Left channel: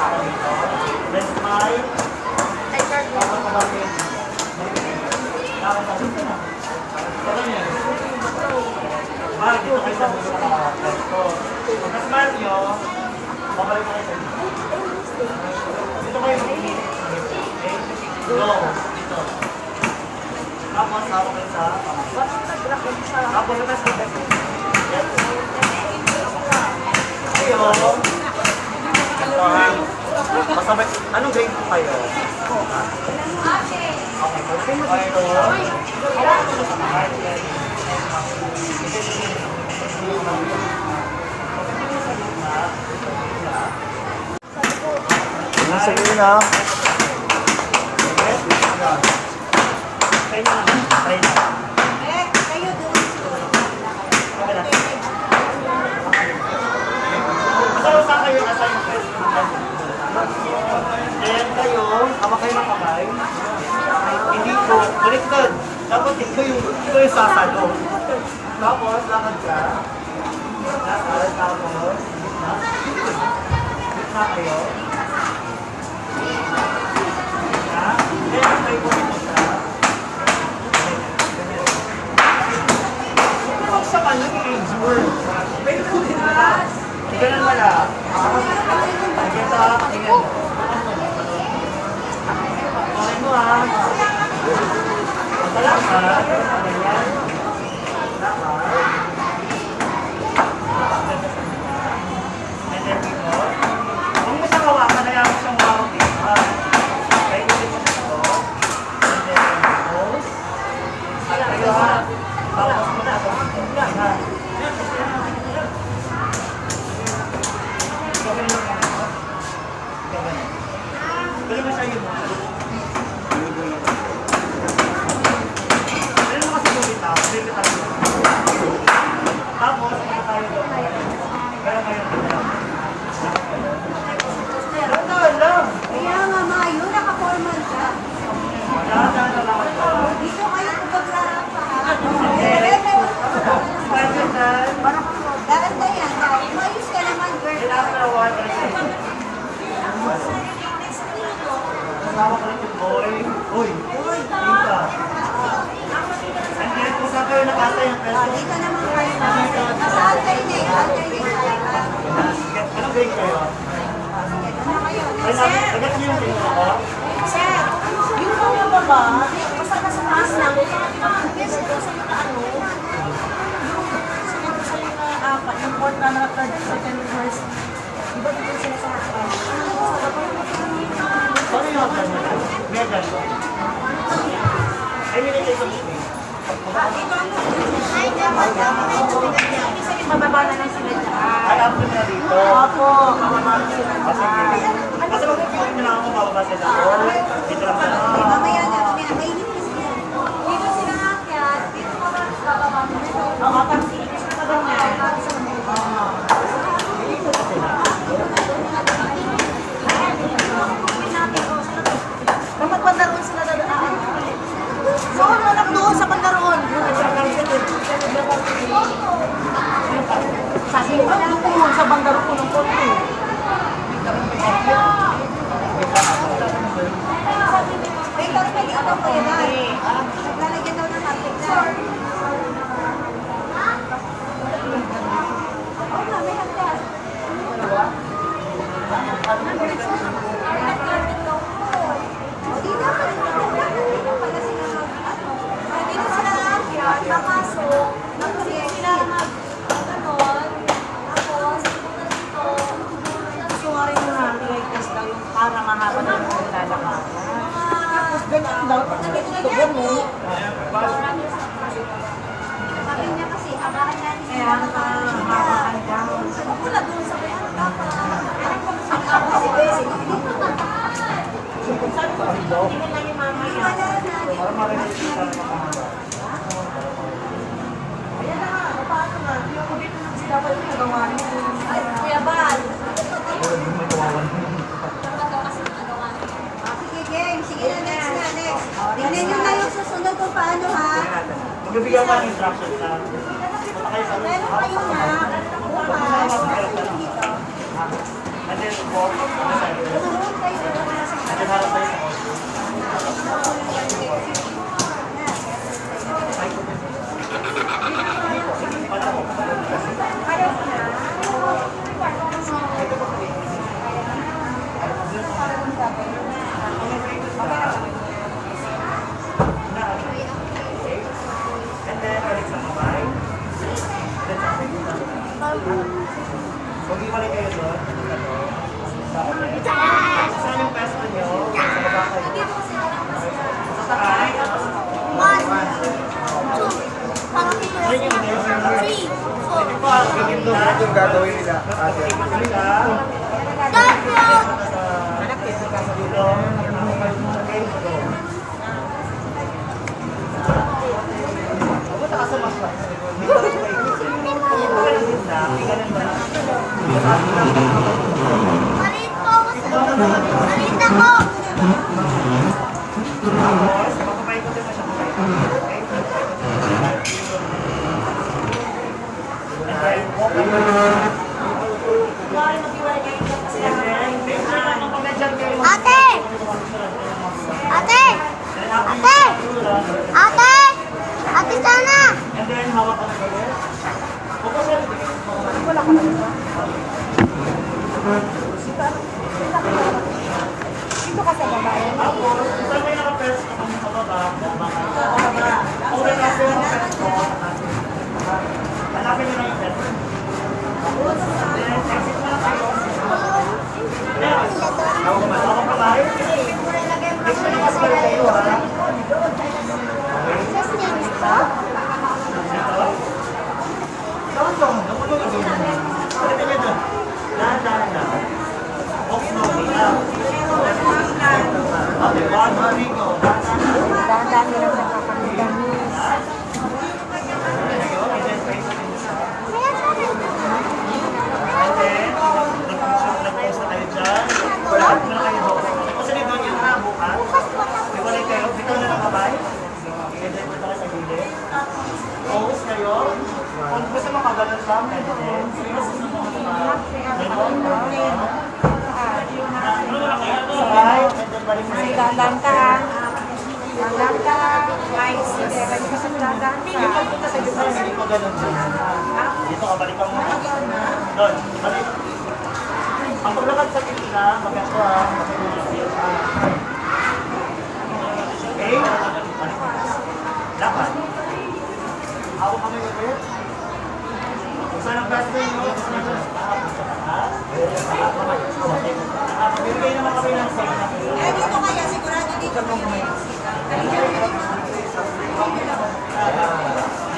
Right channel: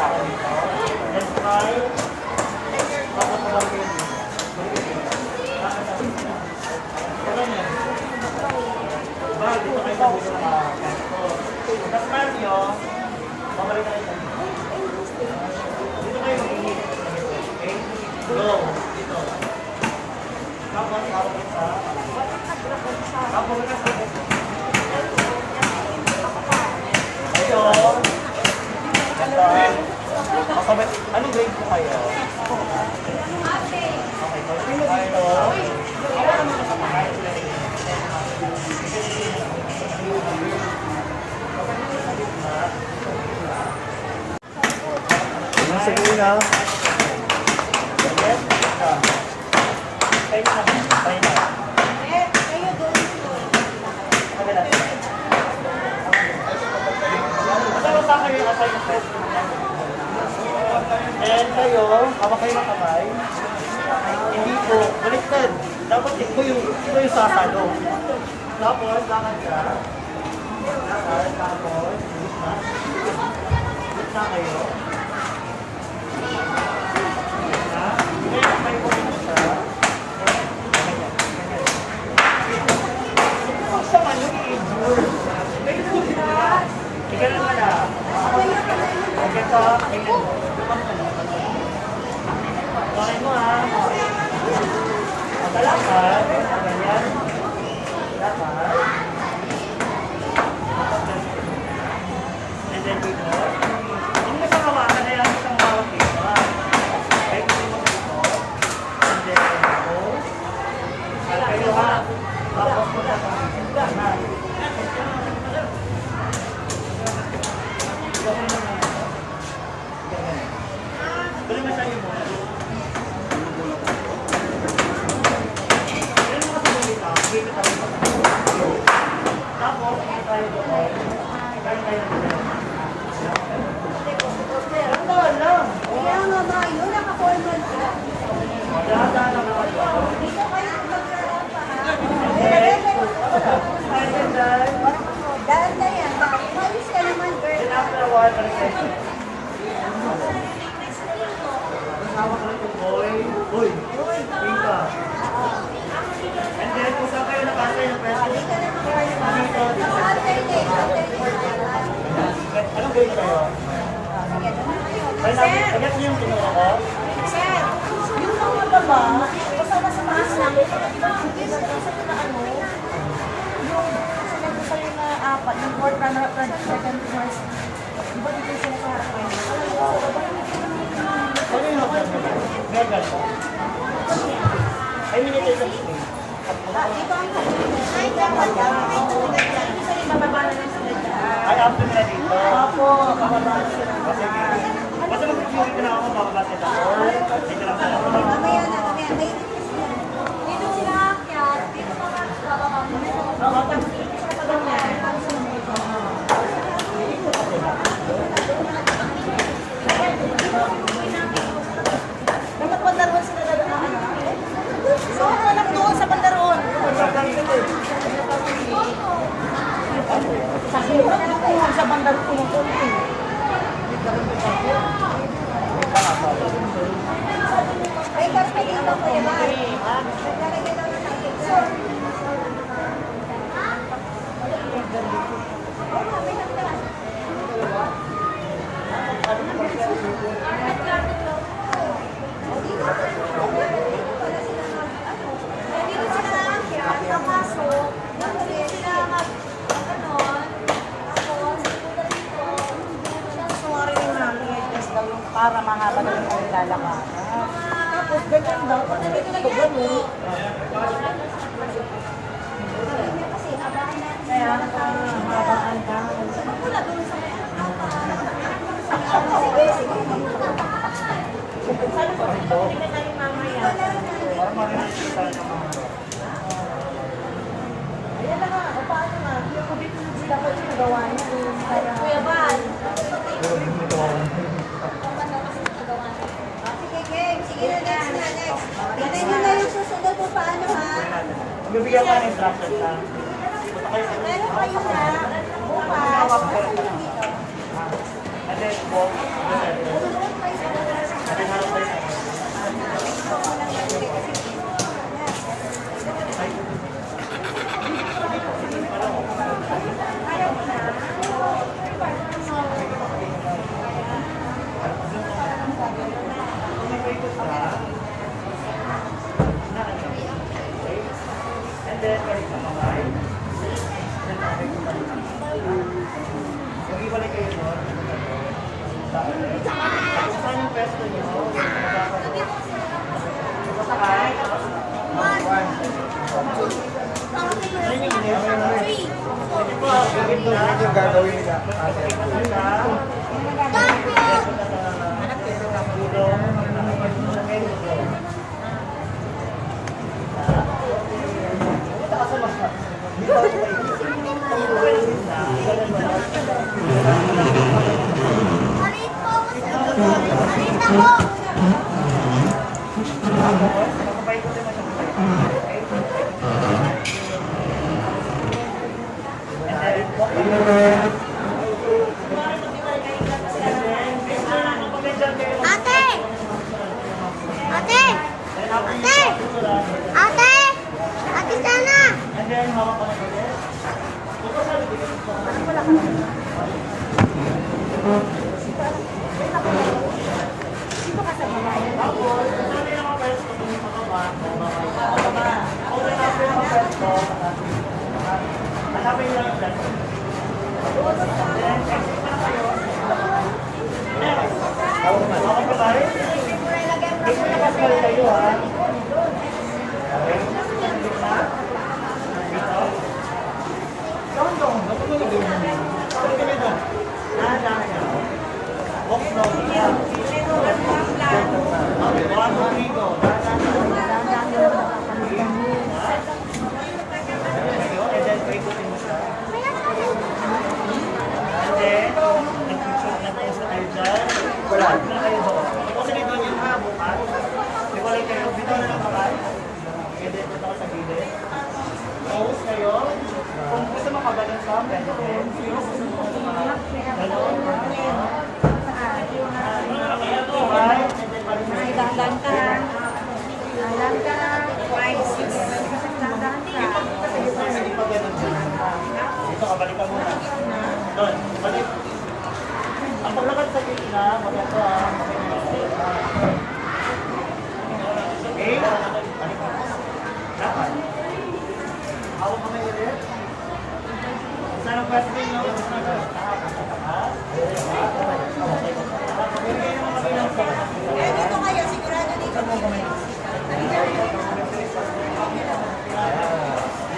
hawakan dito. Let's try. Dito kayo sa bulo na ito. Tapos mahal nyo, babalik ako sa dito. Dito kayo may go. Dito. Tapos hawak kayo sa ako yung nasa dito. Ayun. Masabay. Anong grade po kayo? Okay. Sige na. Tayo na. And kayo, hawak kayo ng kamay. Hindi ko, directed. Dapat iba yung sasalo. Tapos, lakad ka. Tapos. Na kayo. Then, kayo po siya. Kung sa kanya, age word. Ika na wala. Bakit mo ha? Matalakad. Ganyan. Lakad. And then dito. Kung mo siyang hawakan, hayaan mo siyang hawakan. Kaya ko dito ito. And then dito. At kayo ha. Tapos mo na. Gawin mo na. Balik mo siya yun. Balik mo kasi bulit na. Tapos, tayo doon. Kaya kayo na. Ganda lang. Kaya nga mayo, naka-formal siya. Ganda lang. Dito kayo maglarapan. Spider-Man. Dahil na yan, dahil mayos ka naman, girl. Then after a while, balik kayo. Kasama ka ng boy. Uy. Ika. And then, kung saan kayo nakasay ng preso. Dito naman, girl. Mas alternate. Anong grade kayo? Ay, agad niyo yung tingin ako? Sir, yung mga baba, basta nasa taas namin, yes, ito sa yung ano, yung sa yung apat, yung fourth na third, second, first, di ba dito sila sa harapan? Ano yung hapon mo? Ganyan po. Ay, minitay sa mga. Mababa na lang sila dyan. Ay, after na dito. Opo, mababa na sila dyan. Kasi mag-point na ako mababa sa dako. Dito lang na. Mamaya na, mamaya. Mainit kasi yan. Dito sila akyat, dito ka ba bababa mo? Oo, tapos inis na daw niya. Mamagpandar ba sila dadaan? So, anak doon sa pandaroon. Sa hilong ko, sa bandar ko ng konti. Ay, pero pwede ito ko, diba? Naglalagyan daw ng market. Para mahaba ng lalakaran. Tapos ganyan daw, pag nagtutubo mo. Sabi niya kasi, habakan niya. Kaya habakan daw. Wala doon sa Tingnan na yung mamaya. Para makikita ng mga. Ayan na nga, o paano nga? Yung ko dito dapat yung magawa niyo. Kuya Bal. May kawalan. Sige, game. Sige na, next na, next. Tingnan nyo na yung susunod kung paano, ha? Bibigyan ka ng instruction na. Meron kayo na. Bukas. Dito. then walk in the center. And then harap tayo sa and then balik sa kamay. Mag-iwalay kayo doon. Saan yung pwesto nyo? Sa sakay. Ito yung gagawin nila. Ate! Ate! Ate! Ate! Ate sana! And then, hawak ka na kayo. Wala ka na. Dito ka sa babae. Tapos, saan may naka-pwesto kung sa baba? Kung may naka-pwesto, hanapin nyo lang yung pwesto. Then, exit na kayo. Hawak ka tayo. Make sure nakasal kayo, ha? Okay? Dahan-dahan nila sa kapanilamis. Kung gusto makabalance lang, pwede din. Dahan-dahan ka ha. Dahan-dahan ka ha. Sige, balik ka sa dahan-dahan ka. Dito ka, balik ka muna. Doon, balik. Ang paglakad sa pila, magato ah. Okay? Dapat. Ako kami ulit. Saan ang pwesto yung gusto na ito? Bigay naman kami ng sa Dito kayo, sigurado dito.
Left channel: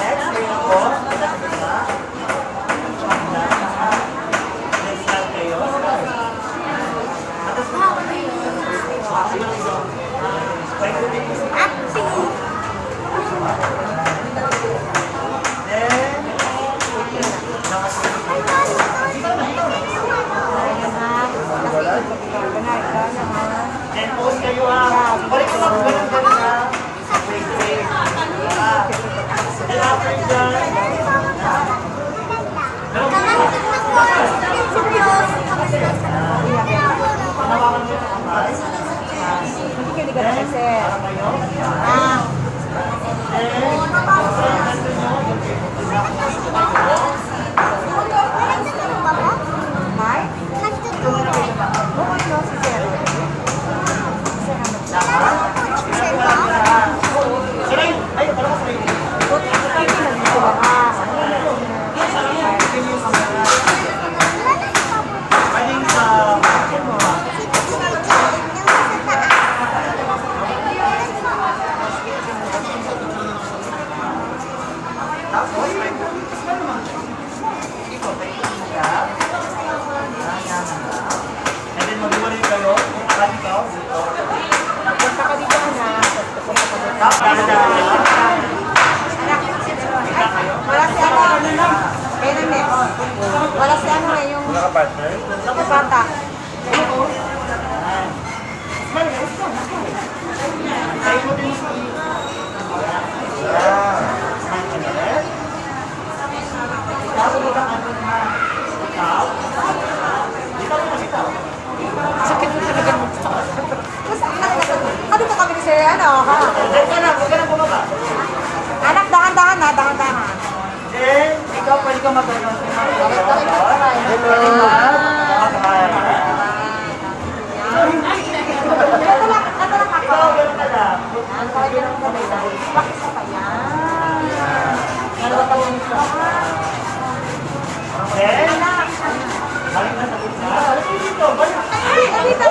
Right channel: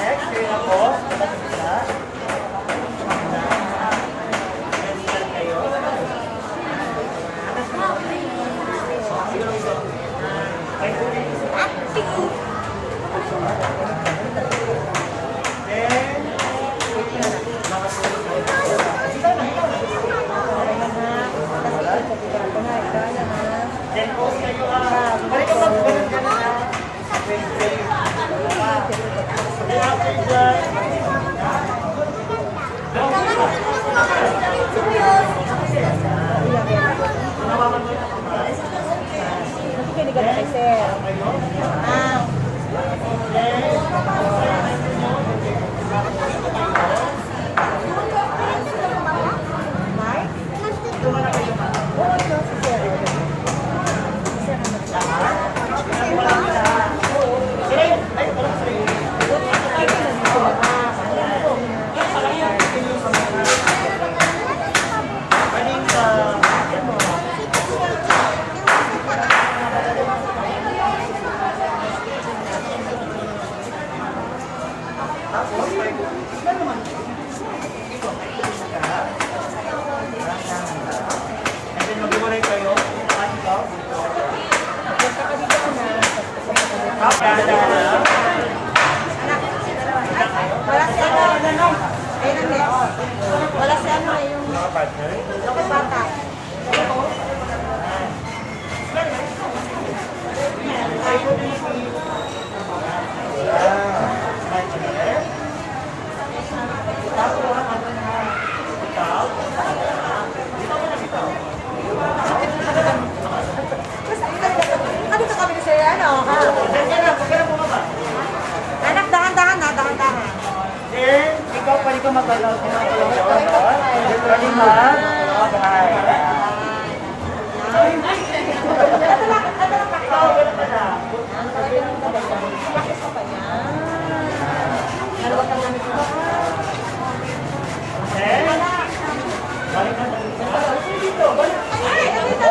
next, kayo po. Next start kayo. Paikutin mo. Then post kayo ah. Balik ka mag ganun ah. Then after dyan. Hawakan mo yung mas. Nakikinig ka sir. Ah. May? Oo, no, si sir. Ay, alam mo sa'yo. Nakikinig sila ha. Pwedeng sa... And then mag-iwalay kayo. Pati ka. Punta ka dito na. Wala si ano, no? Kaya nang wala si ano yung Partner. bata. Ay, mo din si... Ikaw, wala ka doon na. Ikaw? Ikaw na ikaw. Diyan ka lang, huwag ka lang bumaba. Anak, dahan-dahan na, dahan-dahan. Then, ikaw pwede ka magalaw. Then, pwede ka mag-hi. Ito lang ako. Ikaw, gano'n ka na. Bakit ka pa yan? Dalawa pa lang ito. Okay? Balik na sa isa. Dito, balik. Dito.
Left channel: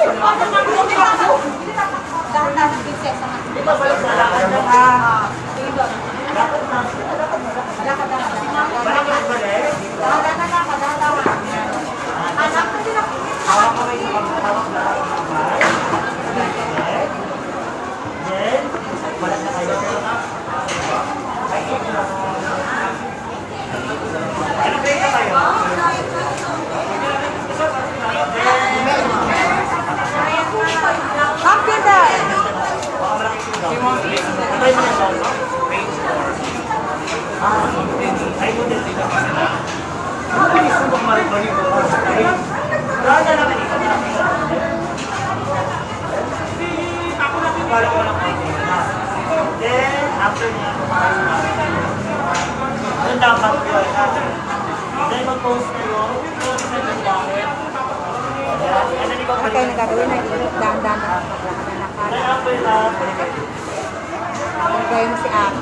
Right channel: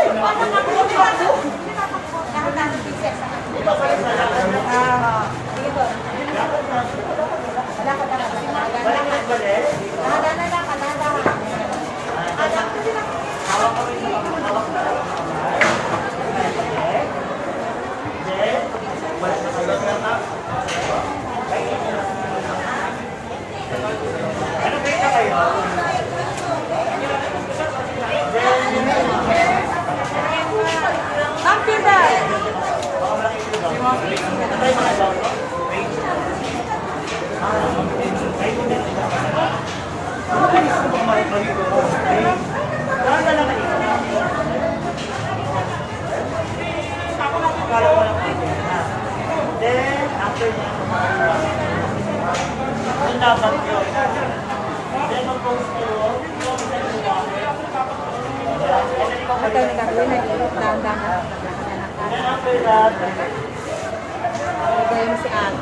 Dahan-dahan, prinsesa. Ikaw, balik sa lakad na. Dito. Lakad na. Dahan-dahan. Balik na balik. Dahan-dahan. Anak, kasi Hawak ka ba yung hawak na okay? Then, wala na kayo. Ano grade na kayo? Computer. Then, after niya, doon dapat yun. Then, mag-post kayo. Okay, nagagawin na dito. Dahan-dahan na paglakad na Then, nakala. after that, Nagawin mo si ate.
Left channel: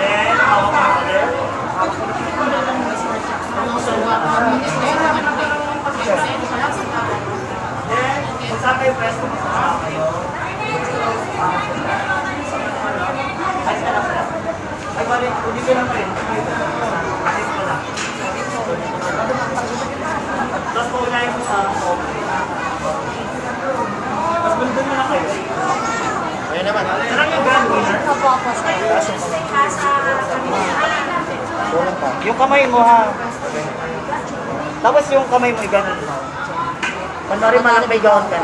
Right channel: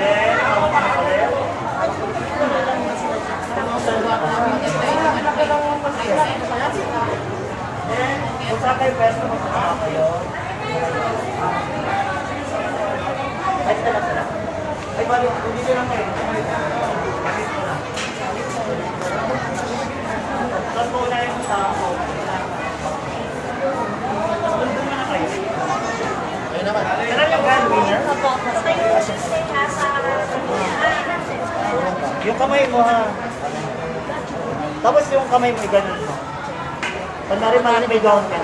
then, hawak mo ulit. Hawak ko ulit yung anak. Then, kung saan kayo pwesto, masama kayo. Ay, saan na pala? Ay, balik. Dito lang pa rin. Dito lang. Tapos paunahin mo sa tapos doon mo na kayo. Ayun naman. Ano yung grand winner? Opo, sir. Yung kamay mo ha. Tapos yung kamay mo, ganun mo. Panoorin mo na may gawin ka.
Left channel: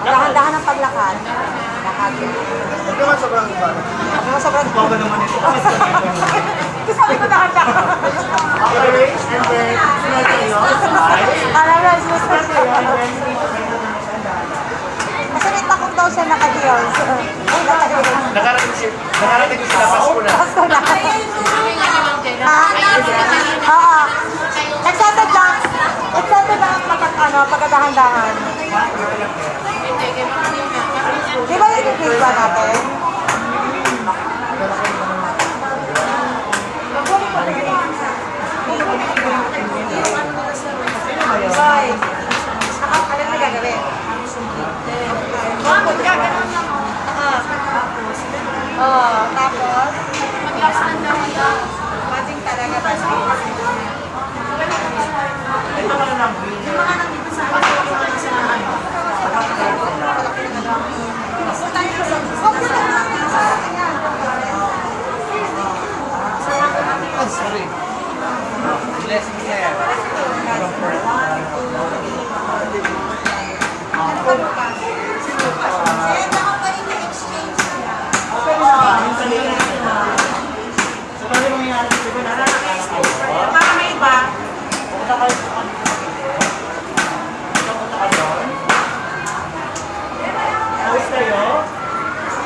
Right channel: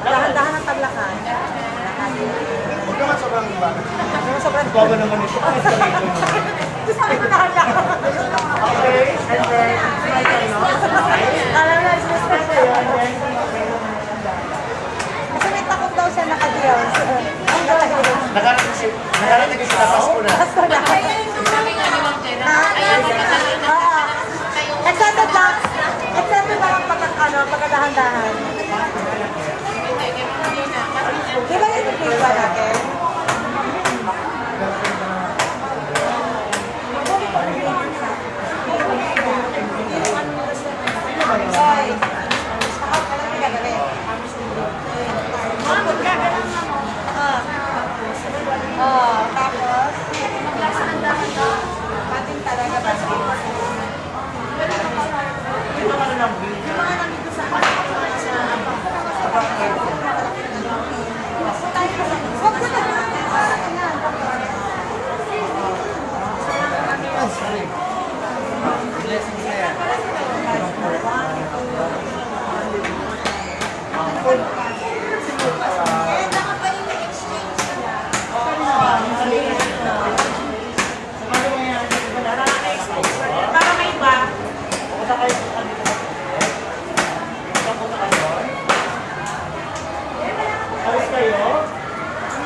Dahan-dahan ang paglakad. Lakad. Hindi mo sobrang iba. Ako sobrang Bago naman ito. Sabi ko bakit ka? Okay, and then, sinal kayo. Alam na, kasi may takot daw siya nakadiyaw. Nakarating ko sila Pasko na. Pasko na. Ha? Oo. Excited lang. Excited lang ang pagkadahan-dahan. Di ba yun yung visa natin? Bye. Ano yung gagawin? Tapos ating talaga ba Ito ano lang.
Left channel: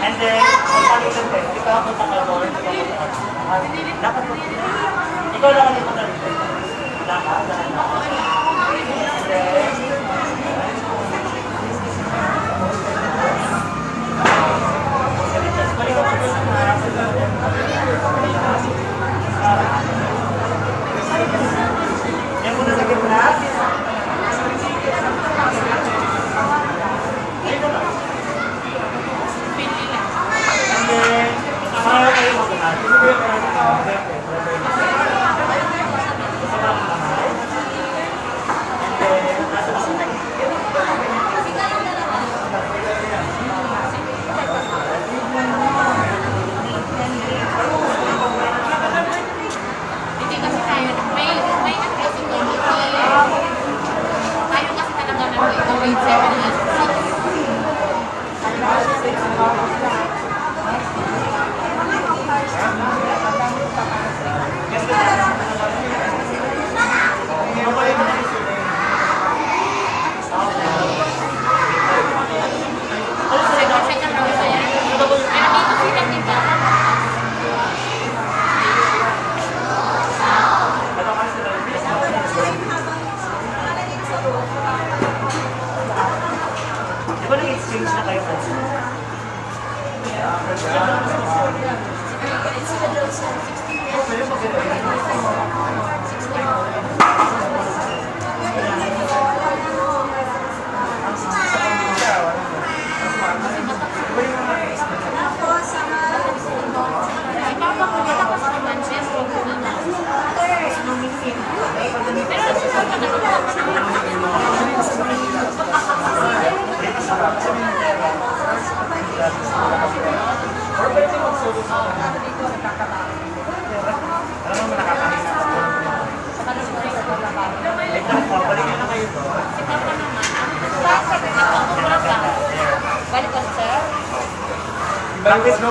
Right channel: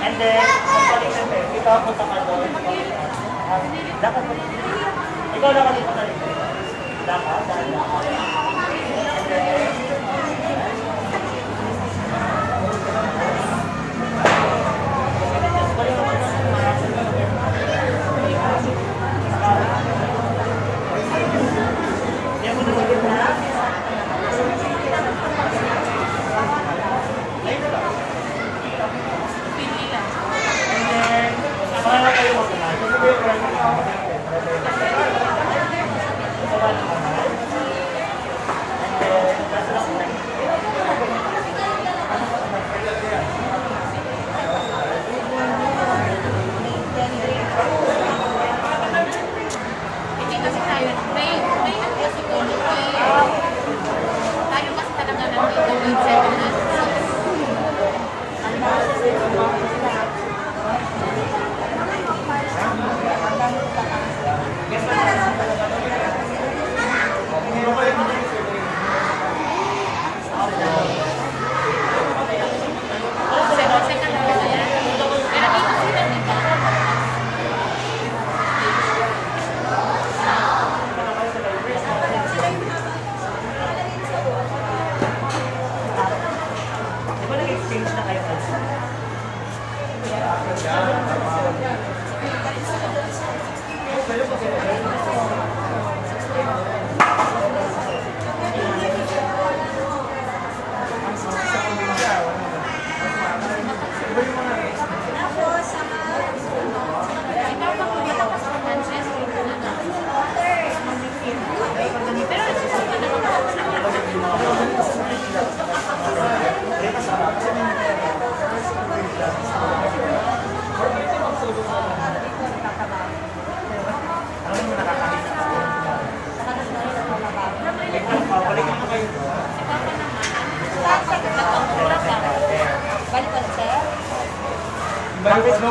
And then, magpalitan din. Ikaw punta ka doon. Ikaw lang ang punta dito. And then, yan muna sa gitna. And then, para kayo magpunta.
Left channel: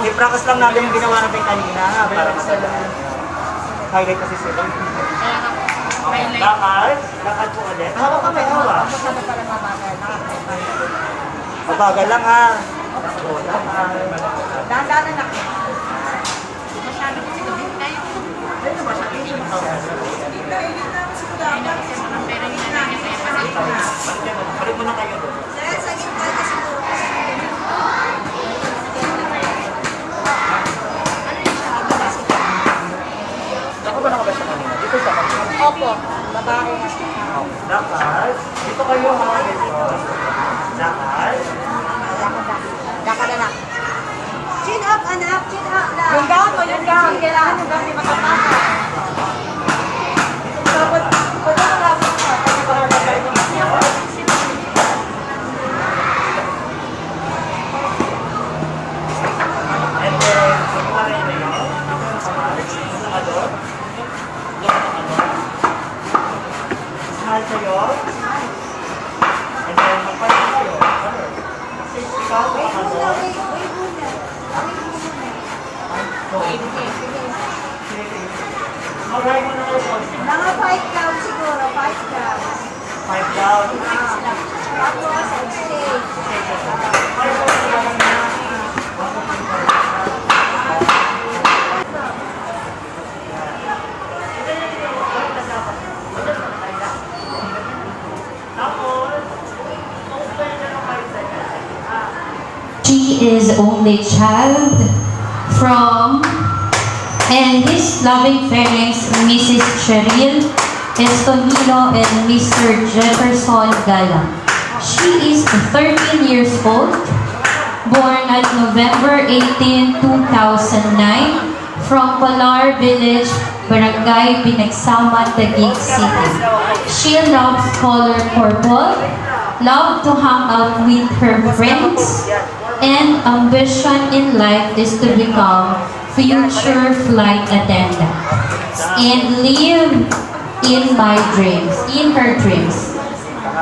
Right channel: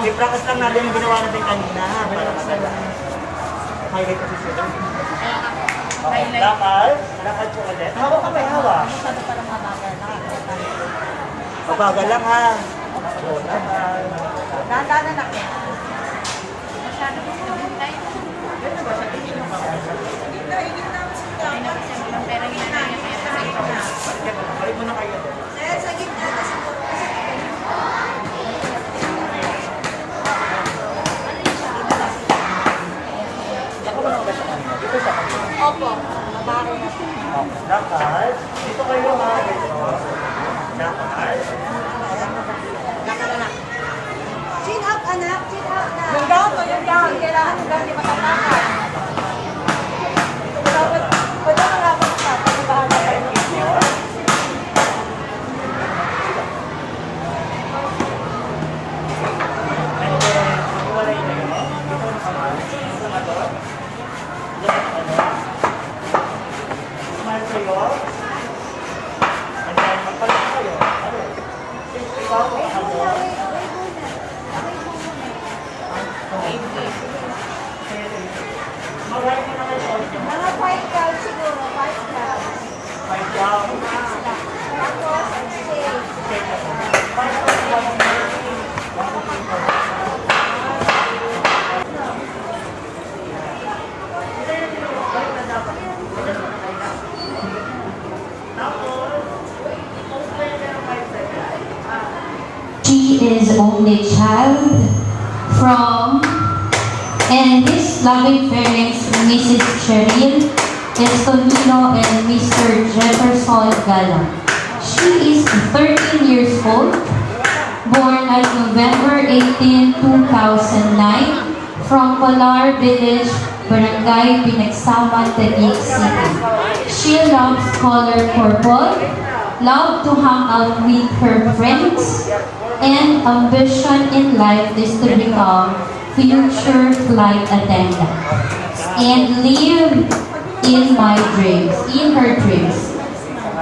I-practice lang natin yung ginawa natin kanina para masaya. Highlight kasi sila. Okay, lakad. Lakad po ulit. Hawak ka, may hawak. Mabagal lang ha. Dahan-dahan na lang. Balik mo na kayo doon. Ako ba nakabasa kanina? Dito sa kanina. Opo. Babae. Lakad. Dito kayo ha. Lakad. Lakad anak. Chin up anak. Chin up na. Yung gown mo, yung gown. Kailangan yung gown yung matapakan. Dapat, kung ano lang ako mga 5 cows siguro, 5 cows. 5 down. Tapos, She is only child from, and his loving parents, Mrs. Cheryl Estonilo and Mr. Jefferson Galang. She is 13 years old, born at November 18, 2009, from Polar Village, Barangay Binagsaman, Taguig City. She loves color purple, loves to hang out with her friends, and ambition in life is to become future flight attendant and live in her dreams.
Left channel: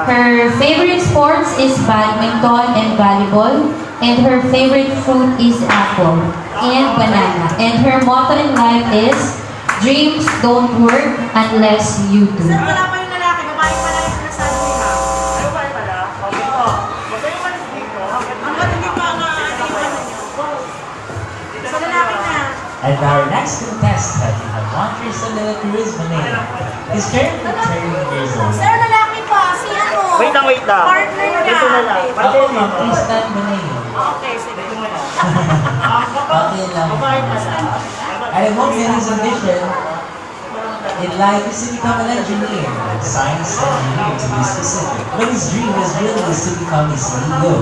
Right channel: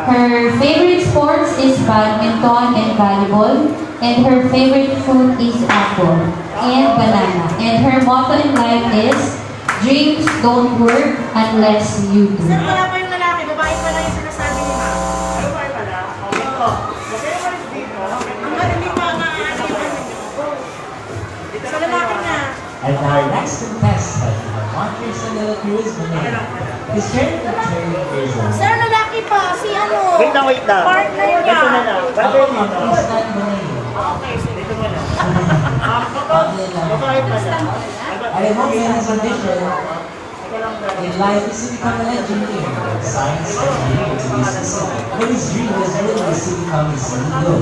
Her favorite sports is badminton and volleyball, and her favorite fruit is apple and banana. And her motto in life is, dreams don't work unless you do. Wala pa yung lalaki, babae pa lang yung sinasabi mo ha. Babae pala. Okay po. Huwag kayong malis dito. Hanggang hindi pa sa lalaki na. And our next contestant, Montreux Tourism name, is currently 30 years old. Sir, lalaki pa, si ano? Wait lang, wait lang. Partner niya. Ito na lang. Ako, Bantay ma'am, dito. please stand the name. Okay, sige. Dito mo lang. Okay lang. Babae pala. And I hope his ambition in life is to become an engineer, science engineer to be specific. But his dream was really is to become a CEO.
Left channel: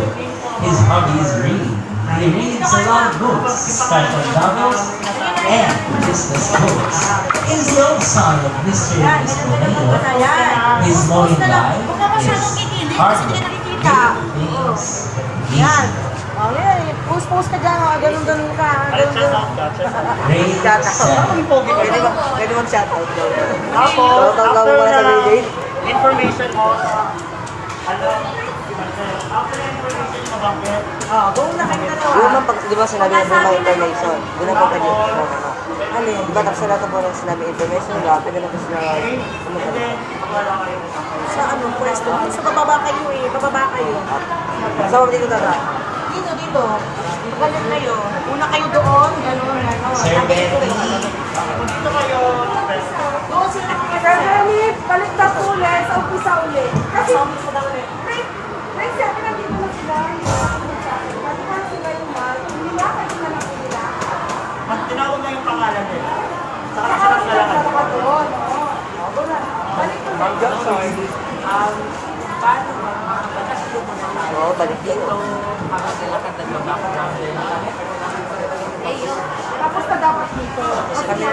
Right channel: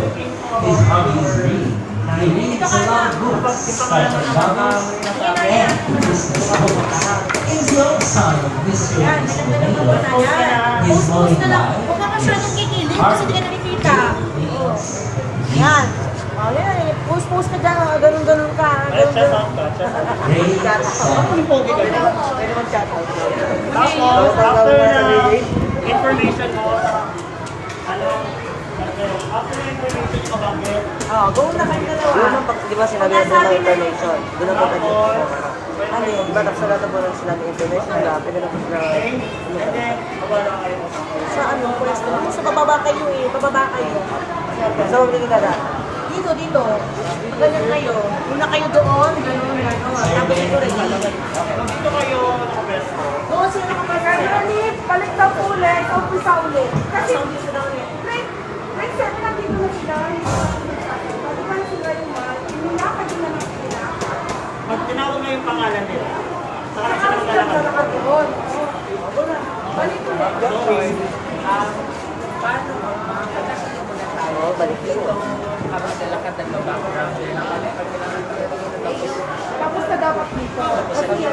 His hobby is reading. He reads a lot of books, special novels, and business books. He is the old son of Mr. and Miss Bonito. His motto in life Huwag ka masyadong kikilig is kasi hindi ka nakikita. things. yan. Oh, yan. Post ka dyan. Ganun-ganun ka. Ay, shout out ka. Great Ang pogi ka. Pwede mag-shoutout. Tapos, after na information mo sa after na information mo bakit? Go na kayo dalawa. Yung man, di ba sinabi na doon ng information? Doon ang pagkalit mo. Ano yun? Di ba nagsalata po ng sinabi information nila? Pwede na po sila And then, wala kayo. Sa ano, pwesto. Sa bababa kayo eh. Bababa kayo. So, hindi ko na Dito, dito. Ganyan kayo. Una kayo doon. Ganun, ganun. Sir Tapos Ben, ito rin. Dito kayo sa pwesto. Oo, sila nakapagano. Ganit, baliktad ulit, sa umpisa ulit. Kasi, Sa umpisa lang ulit. may sabi na dito na sila. Pati man sila yung mal, hindi na kasi na pangalan nila? Saka saan ang lalakad? doon. Balik ko na. Oo, balik ko. Tapos na dapat dito. Kasi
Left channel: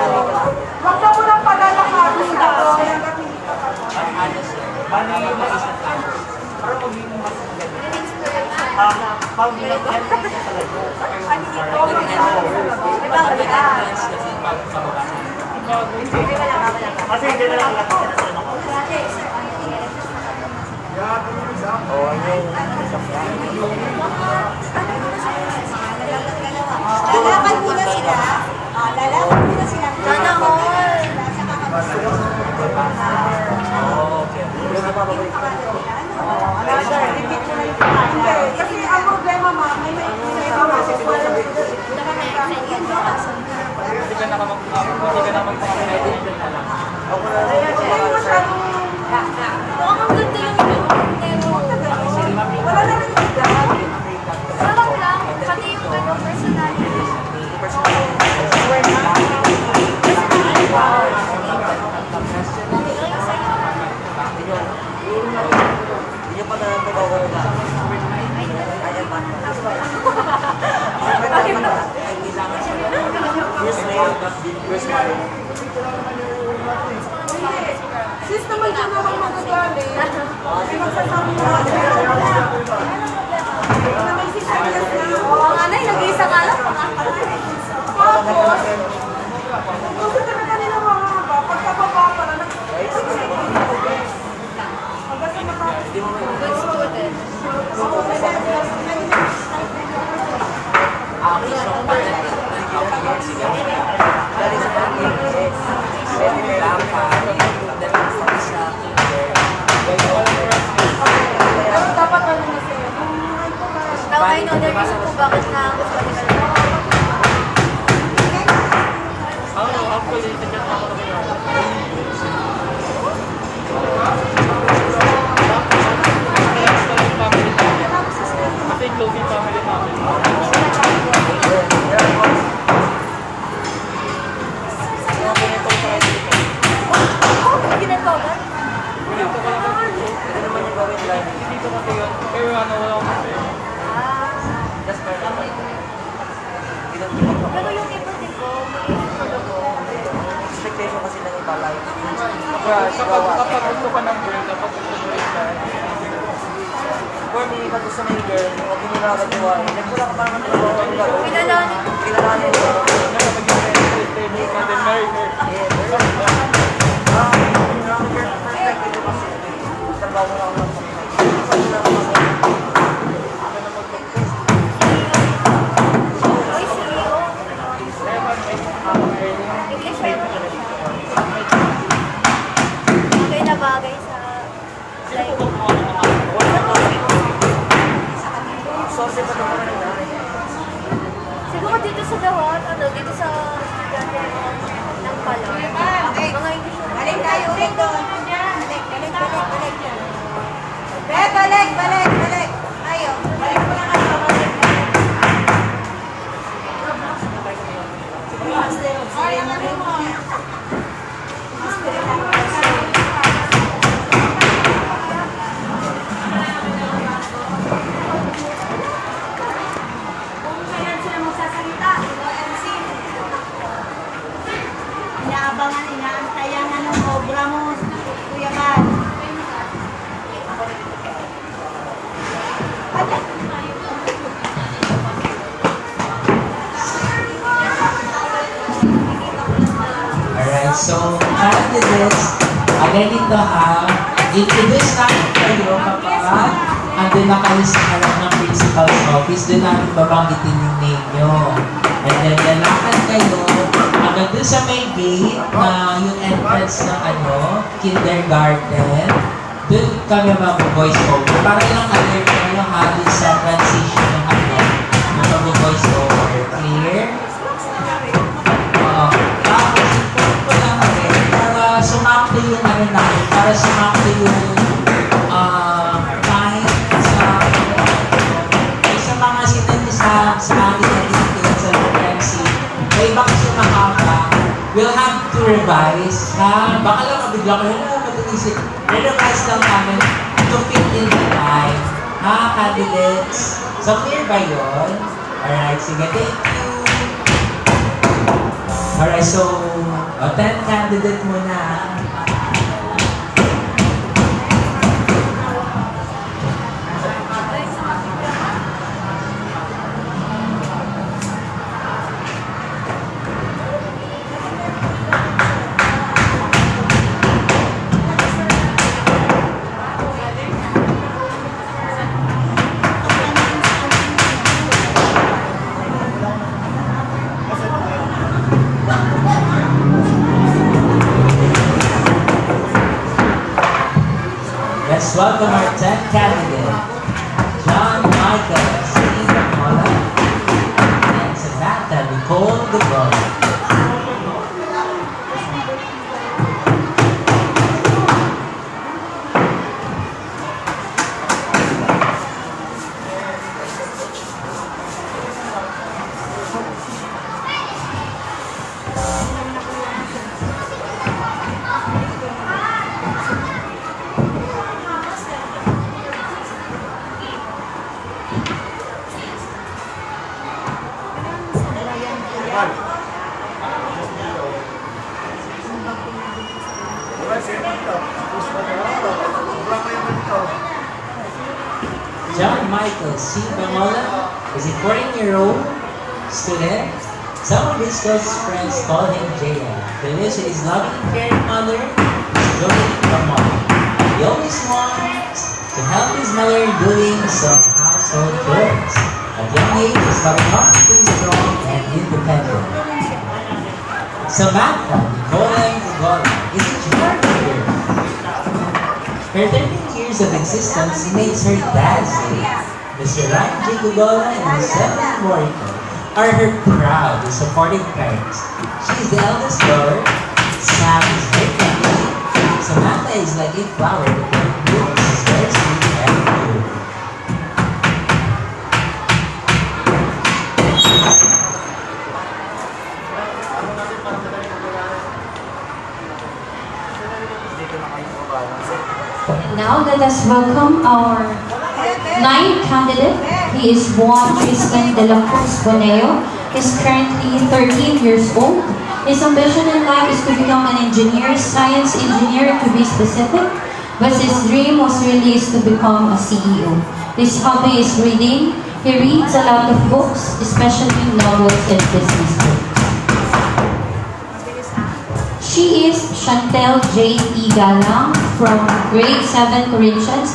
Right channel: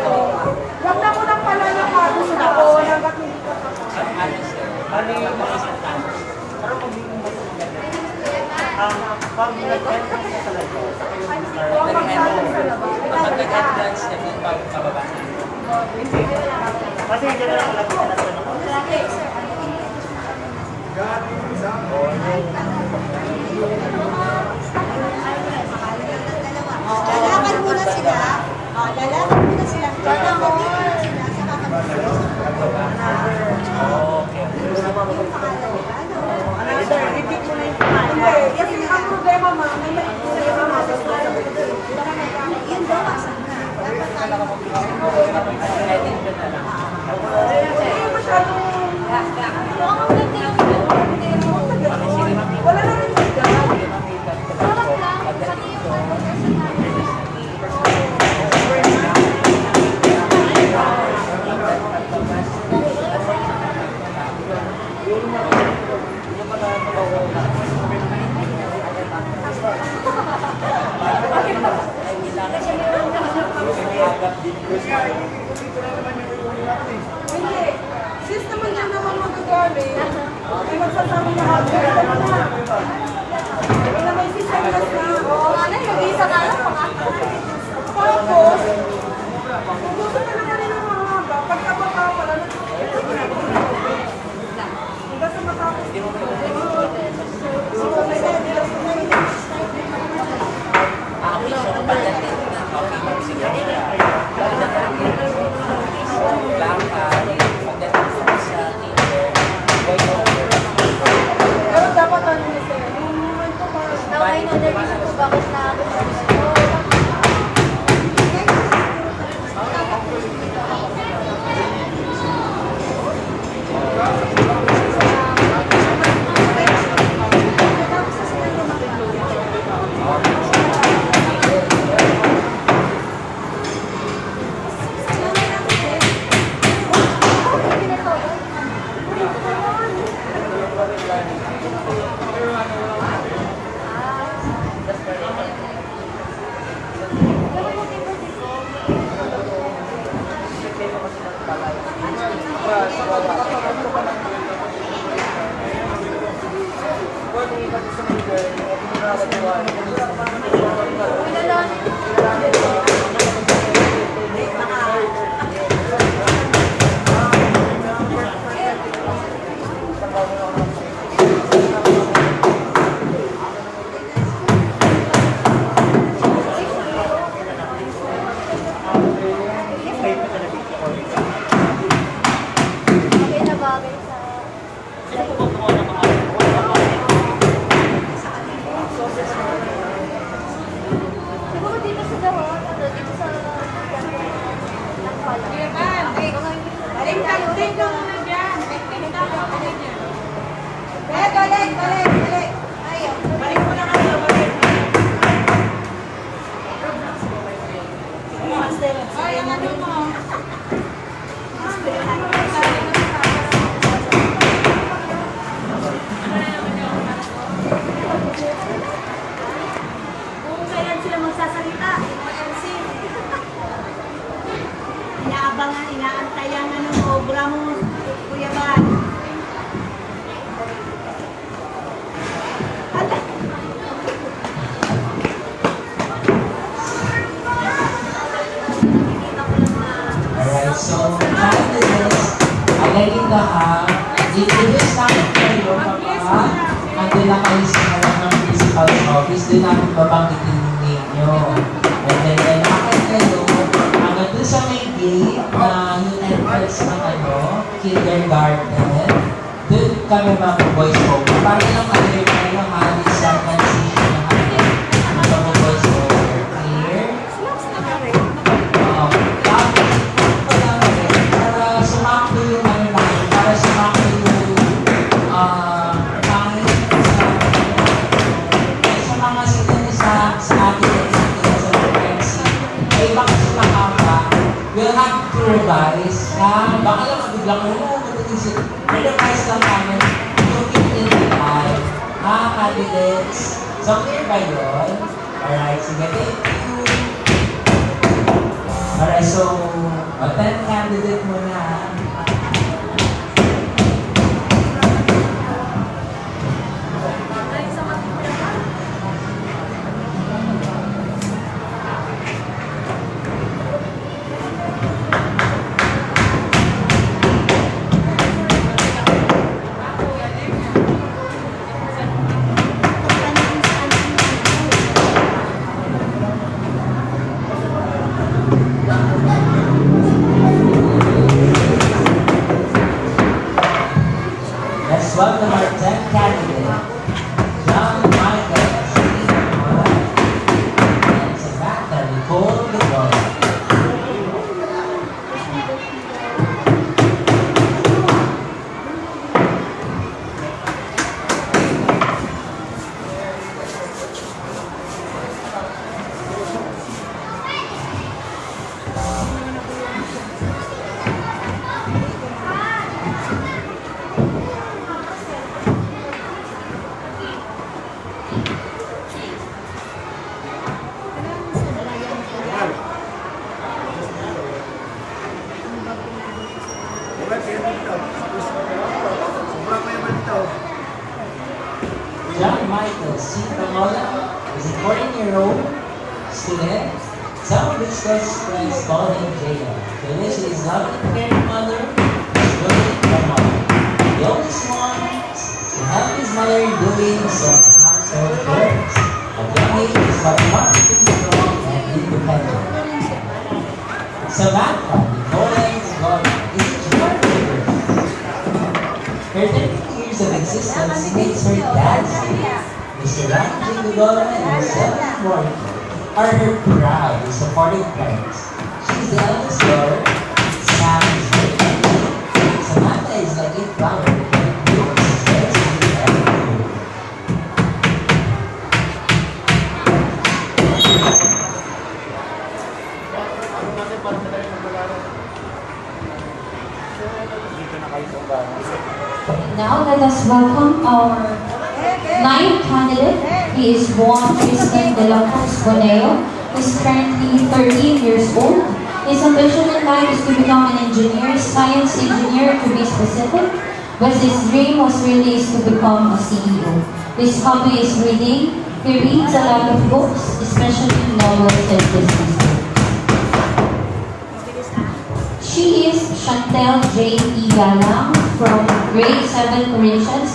wag na mo nang palalakarin ako hanggat hindi ka tapos. Paano yung maisip ka? Parang magiging mas ganda. Pag nag-end ka talaga, saka yung Ano dito? Magsama sa labas. kasi hindi na lang alam ko tinatanong ko. Oo, ano yung sasakyan. Lalaban muna sila. Lalaban muna sila. Sana all. Hindi na mababalik. Another, repeat mo na yung pangalan. Hindi, kasi ang problema ma, may mamamas. Wala na rin Hindi niyo pa na mag-aware na. sis naman dyan naman magagamit. Ay magsasabi mo ako. May sis na Oo nga na, nag-isa ka lang. Tapos, kung gusto talaga nila mahaba, pagkababa pala, hanggang sa matapos. Pero dapat ano na sir, yung ano pa. Now I know the reason kung bakit nakagusto ko siya. Pero yung iba dito, Expectation kasi lang yung palay. Kapag gusto ka ng girl, dapat For me, pag gusto mo yung girl, huwag mo na nagawa. Ganito lang parang nagawa. kilalanin. Kilalanin mo. Trabaho na ako ng Bagay na bagay sa life. Siguro dito sa Dahon, dito sa ng pala. Mga emission. Balik tayo, Pito. Balik. Ayaw. Balik mo na nga sa balik. Kung kailan sila magsasalita, Inaabangan, inaantayangan ng obra mo, Kuya Bal. Alright, so after this, ganito ha, introduce natin kayo kapag andun na kayo sa harap ng principal's office, doon natin babanggitin yung name nyo. And then lalakad kayo hanggang doon sa may gate na yung entrance ng kindergarten. Doon kami mag-voice over. Para lang alert kayo ha, doon sa transition ng mag-voice over. Clear? Tapos, ito lang rin, para sumakto yung namin, para sumakto yung time sa mga sinunod sa atin na dito sa frequency. May iba kasi mahaba, revise, baka lang mabigla ko na matinisip. Revise lang namin to fit in the time. Candidates. So, clear ba yun? Alright, sige, thank you. Alright, so, 10 candidate muna. Let's welcome our 10th candidate, John Michael, Stephen Mola, and Samantha Nicole Gumawa. John Michael C. Bamola is a 14-year-old student. Some of his closest friends call him Jada. Felicia is not a caring mother, he's doing the mom. He always wants to help his mother doing some household chores. At young age, he's got confidence, strong, and independent. Samantha Nicole Gumawa is a cheerleader. Her 13 years of existence makes her dad's day. Mr. Ranjay Gumawa and his 7 boyfriend are her proud and supportive parents. She is the eldest daughter. Sam is very happy. Samantha is like a flower that blooms very sweet and cool. Now let us welcome our 9th candidate. He is Juan Tristan de la Cruz Boneo. He is currently 13 years old. His ambition in life is to become an engineer, science engineer to be specific, but his dream was really is to become a CEO. His hobby is reading. He reads a lot of books, especially novels and business books. She is Chantel J. E. Galang from grade 7 Corinthians.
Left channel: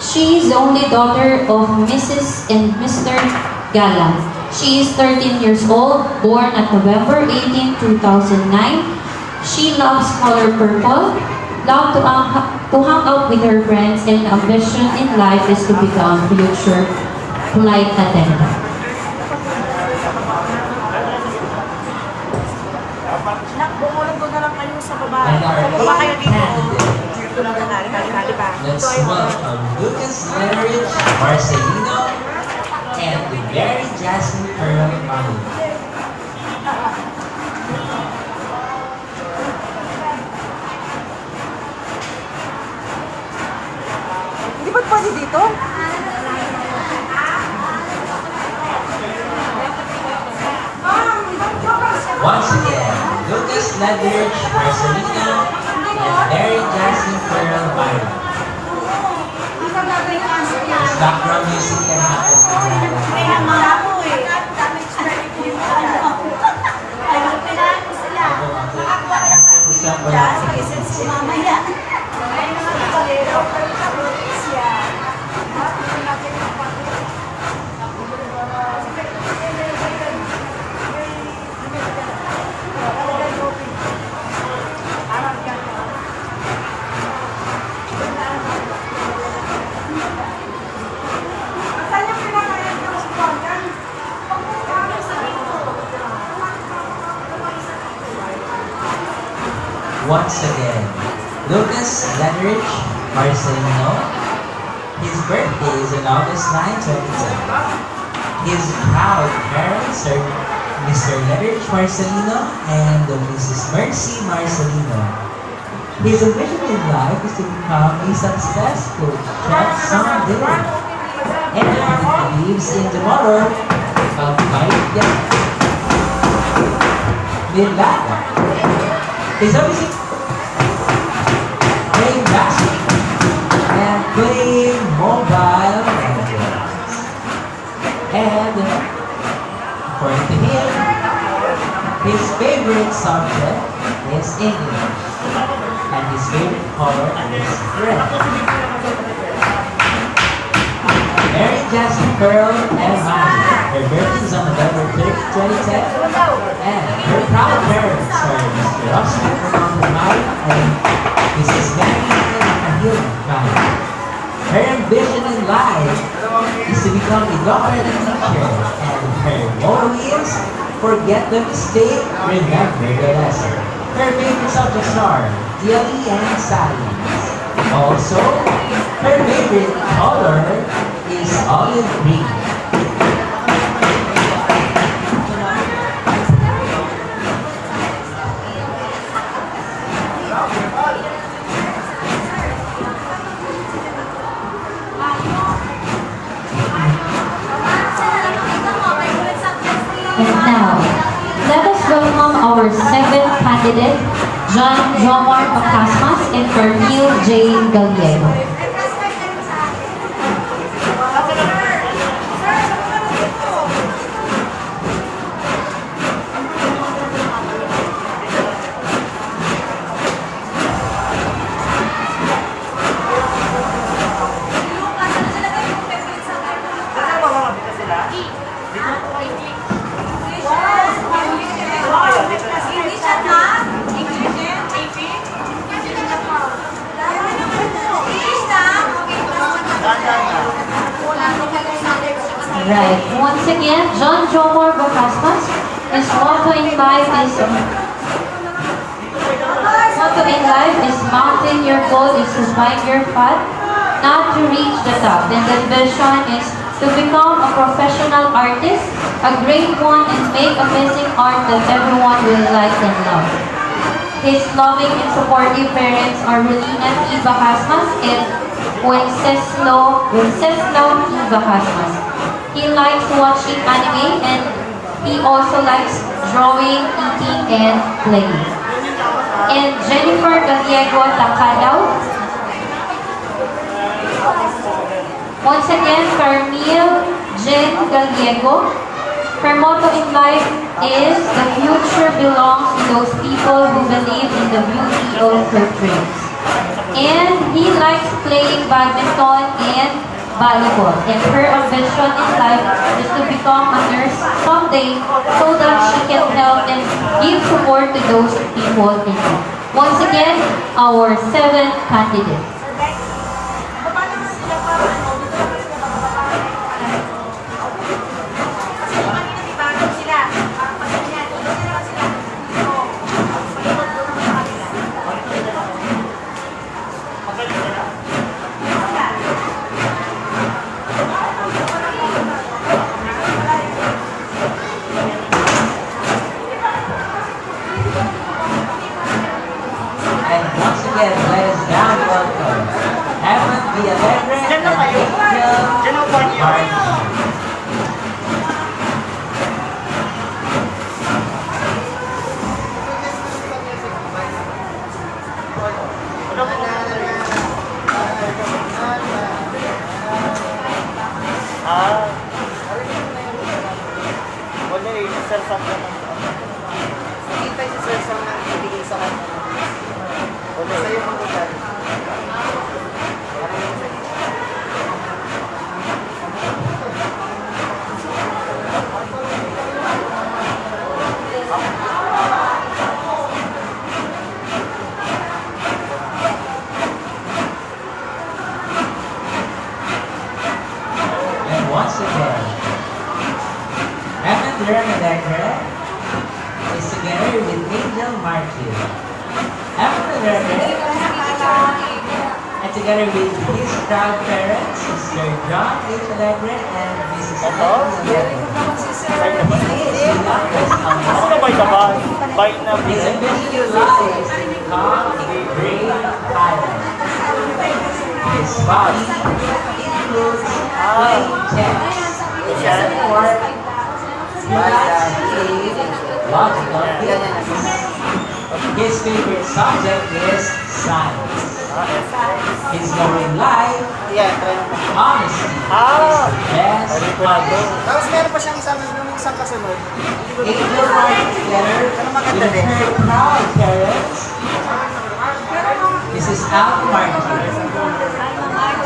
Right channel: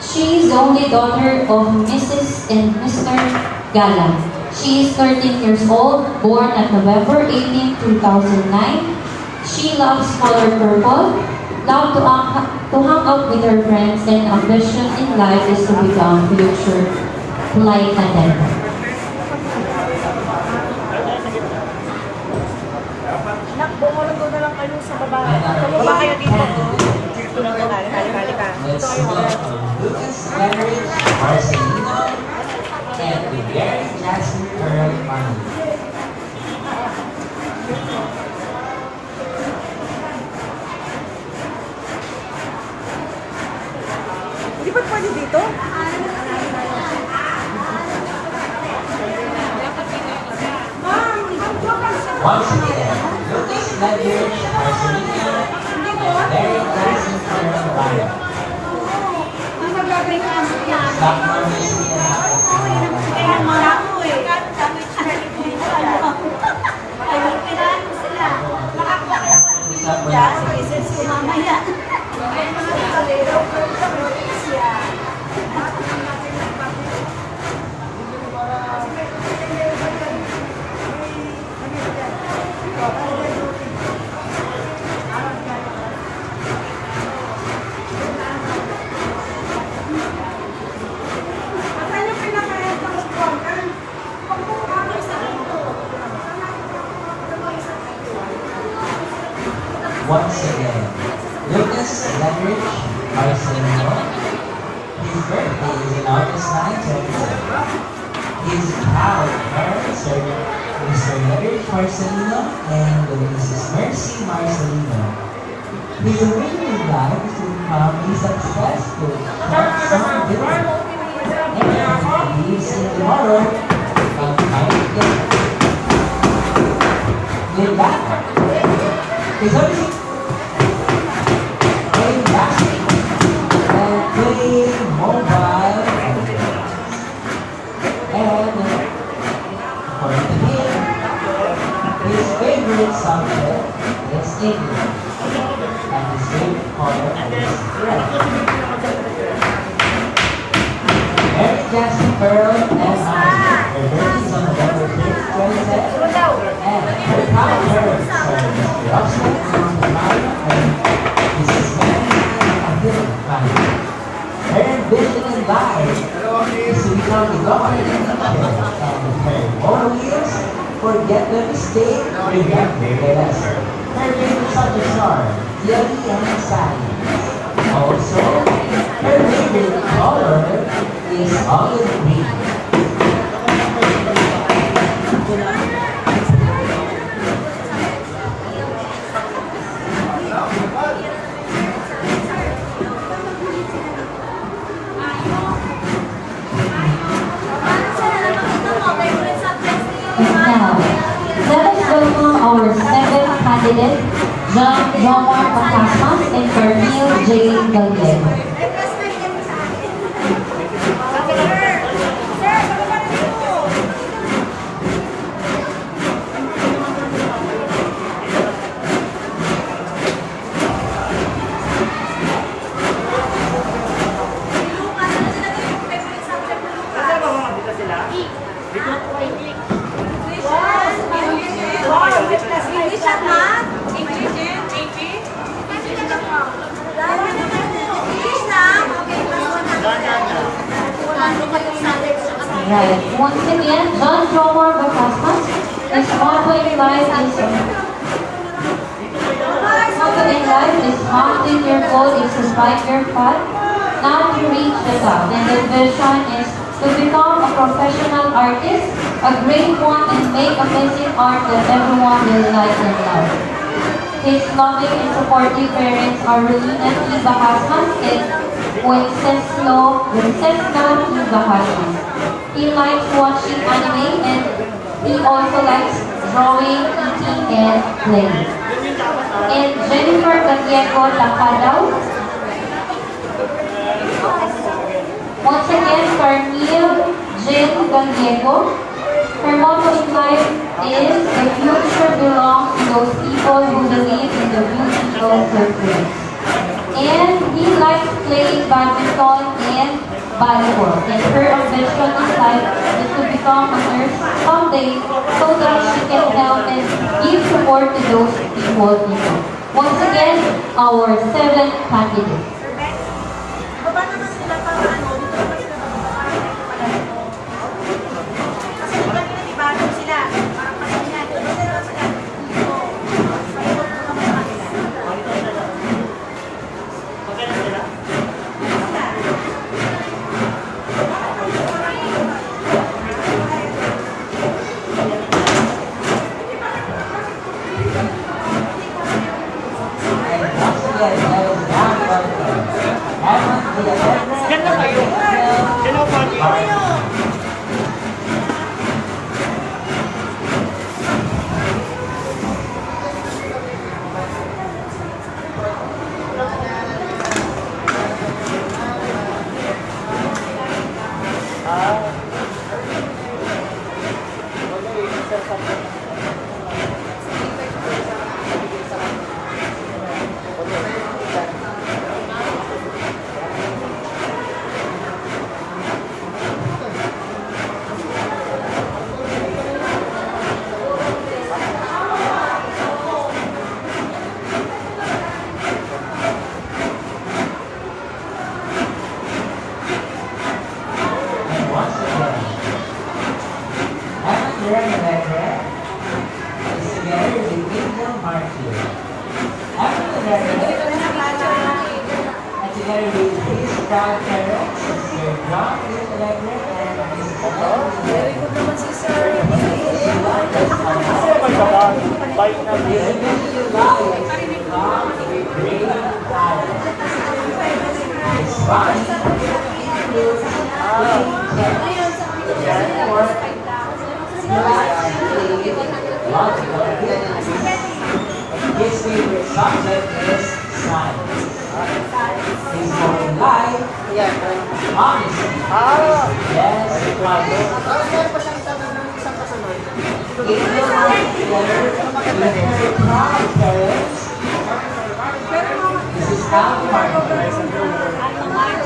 She is the only daughter of Mrs. and Mr. Galang. She is 13 years old, born at November 18, 2009. She loves color purple, loves to hang out with her friends, and ambition in life is to become future flight attendant. Bumulong na lang kayo sa baba. And our Bumaba kayo 8th dito. candidate, Dito na lang. Halika. let's welcome Lucas Leonard Marcelino and the very Jasmine Pearl Manu. Hindi ba pwede dito? Once again, Lucas Leonard Marcelino and very Jasmine Pearl Manu. Background music and once again, Lucas Leonard Marcelino. His birthday is on August 9, 2010. His proud parents are Mr. Leonard Brother Marcelino and Mrs. Mercy Marcelino. His ambition in life is to become a successful truck dealer, and he believes in the motto of "Kahit yan, nila." His hobbies playing basketball and playing mobile games. And according to him, his favorite subject is English, and his favorite color is red. Mary Jasmine Pearl and Honey. Her birthday is on November 5th, 2010, and her proud parents are Mr. Oscar Gumawa and Mrs. Dahil. Her ambition in life is to become a doctor and teacher, and her motto is "Forget the mistake, remember the lesson." Her favorite subjects are theory and science. Also, her favorite color is olive green. And now, let us welcome our seventh candidate, John Jomar Pacasmas and Carmel J. Gallego. Right. Once again, John Jomar Pacasmas, his motto in life is mountain your goal is to find your path, not to reach the top. And the vision is to become a professional artist, a great one, and make amazing art that everyone will like and love. His loving and supportive parents are Relina P. Pacasmas and Wenceslo P. Pacasmas. He likes watching anime and he also likes drawing, eating, and playing. And Jennifer Gallego Tacadaw. Once again, Carmel Jen Gallego. Her motto in life is "The future belongs to those people who believe in the beauty of their dreams." And he likes playing badminton and volleyball. And her ambition in life is to become a nurse someday so that she can help and give support to those people in need. Once again, our seventh candidate. Together with his proud parents, Mr. John and Mrs. Very good naman si Sir. white na His big. ambitious life is to become a great pilot. His body includes wing checks, Yan. sport, logical abilities. His favorite subject is science. His goal in life, Yan, try mo. honesty, Ah! best policy. Tapos meron pa siyang isang kasunod. It will work together with her proud parents. This is Al Martin.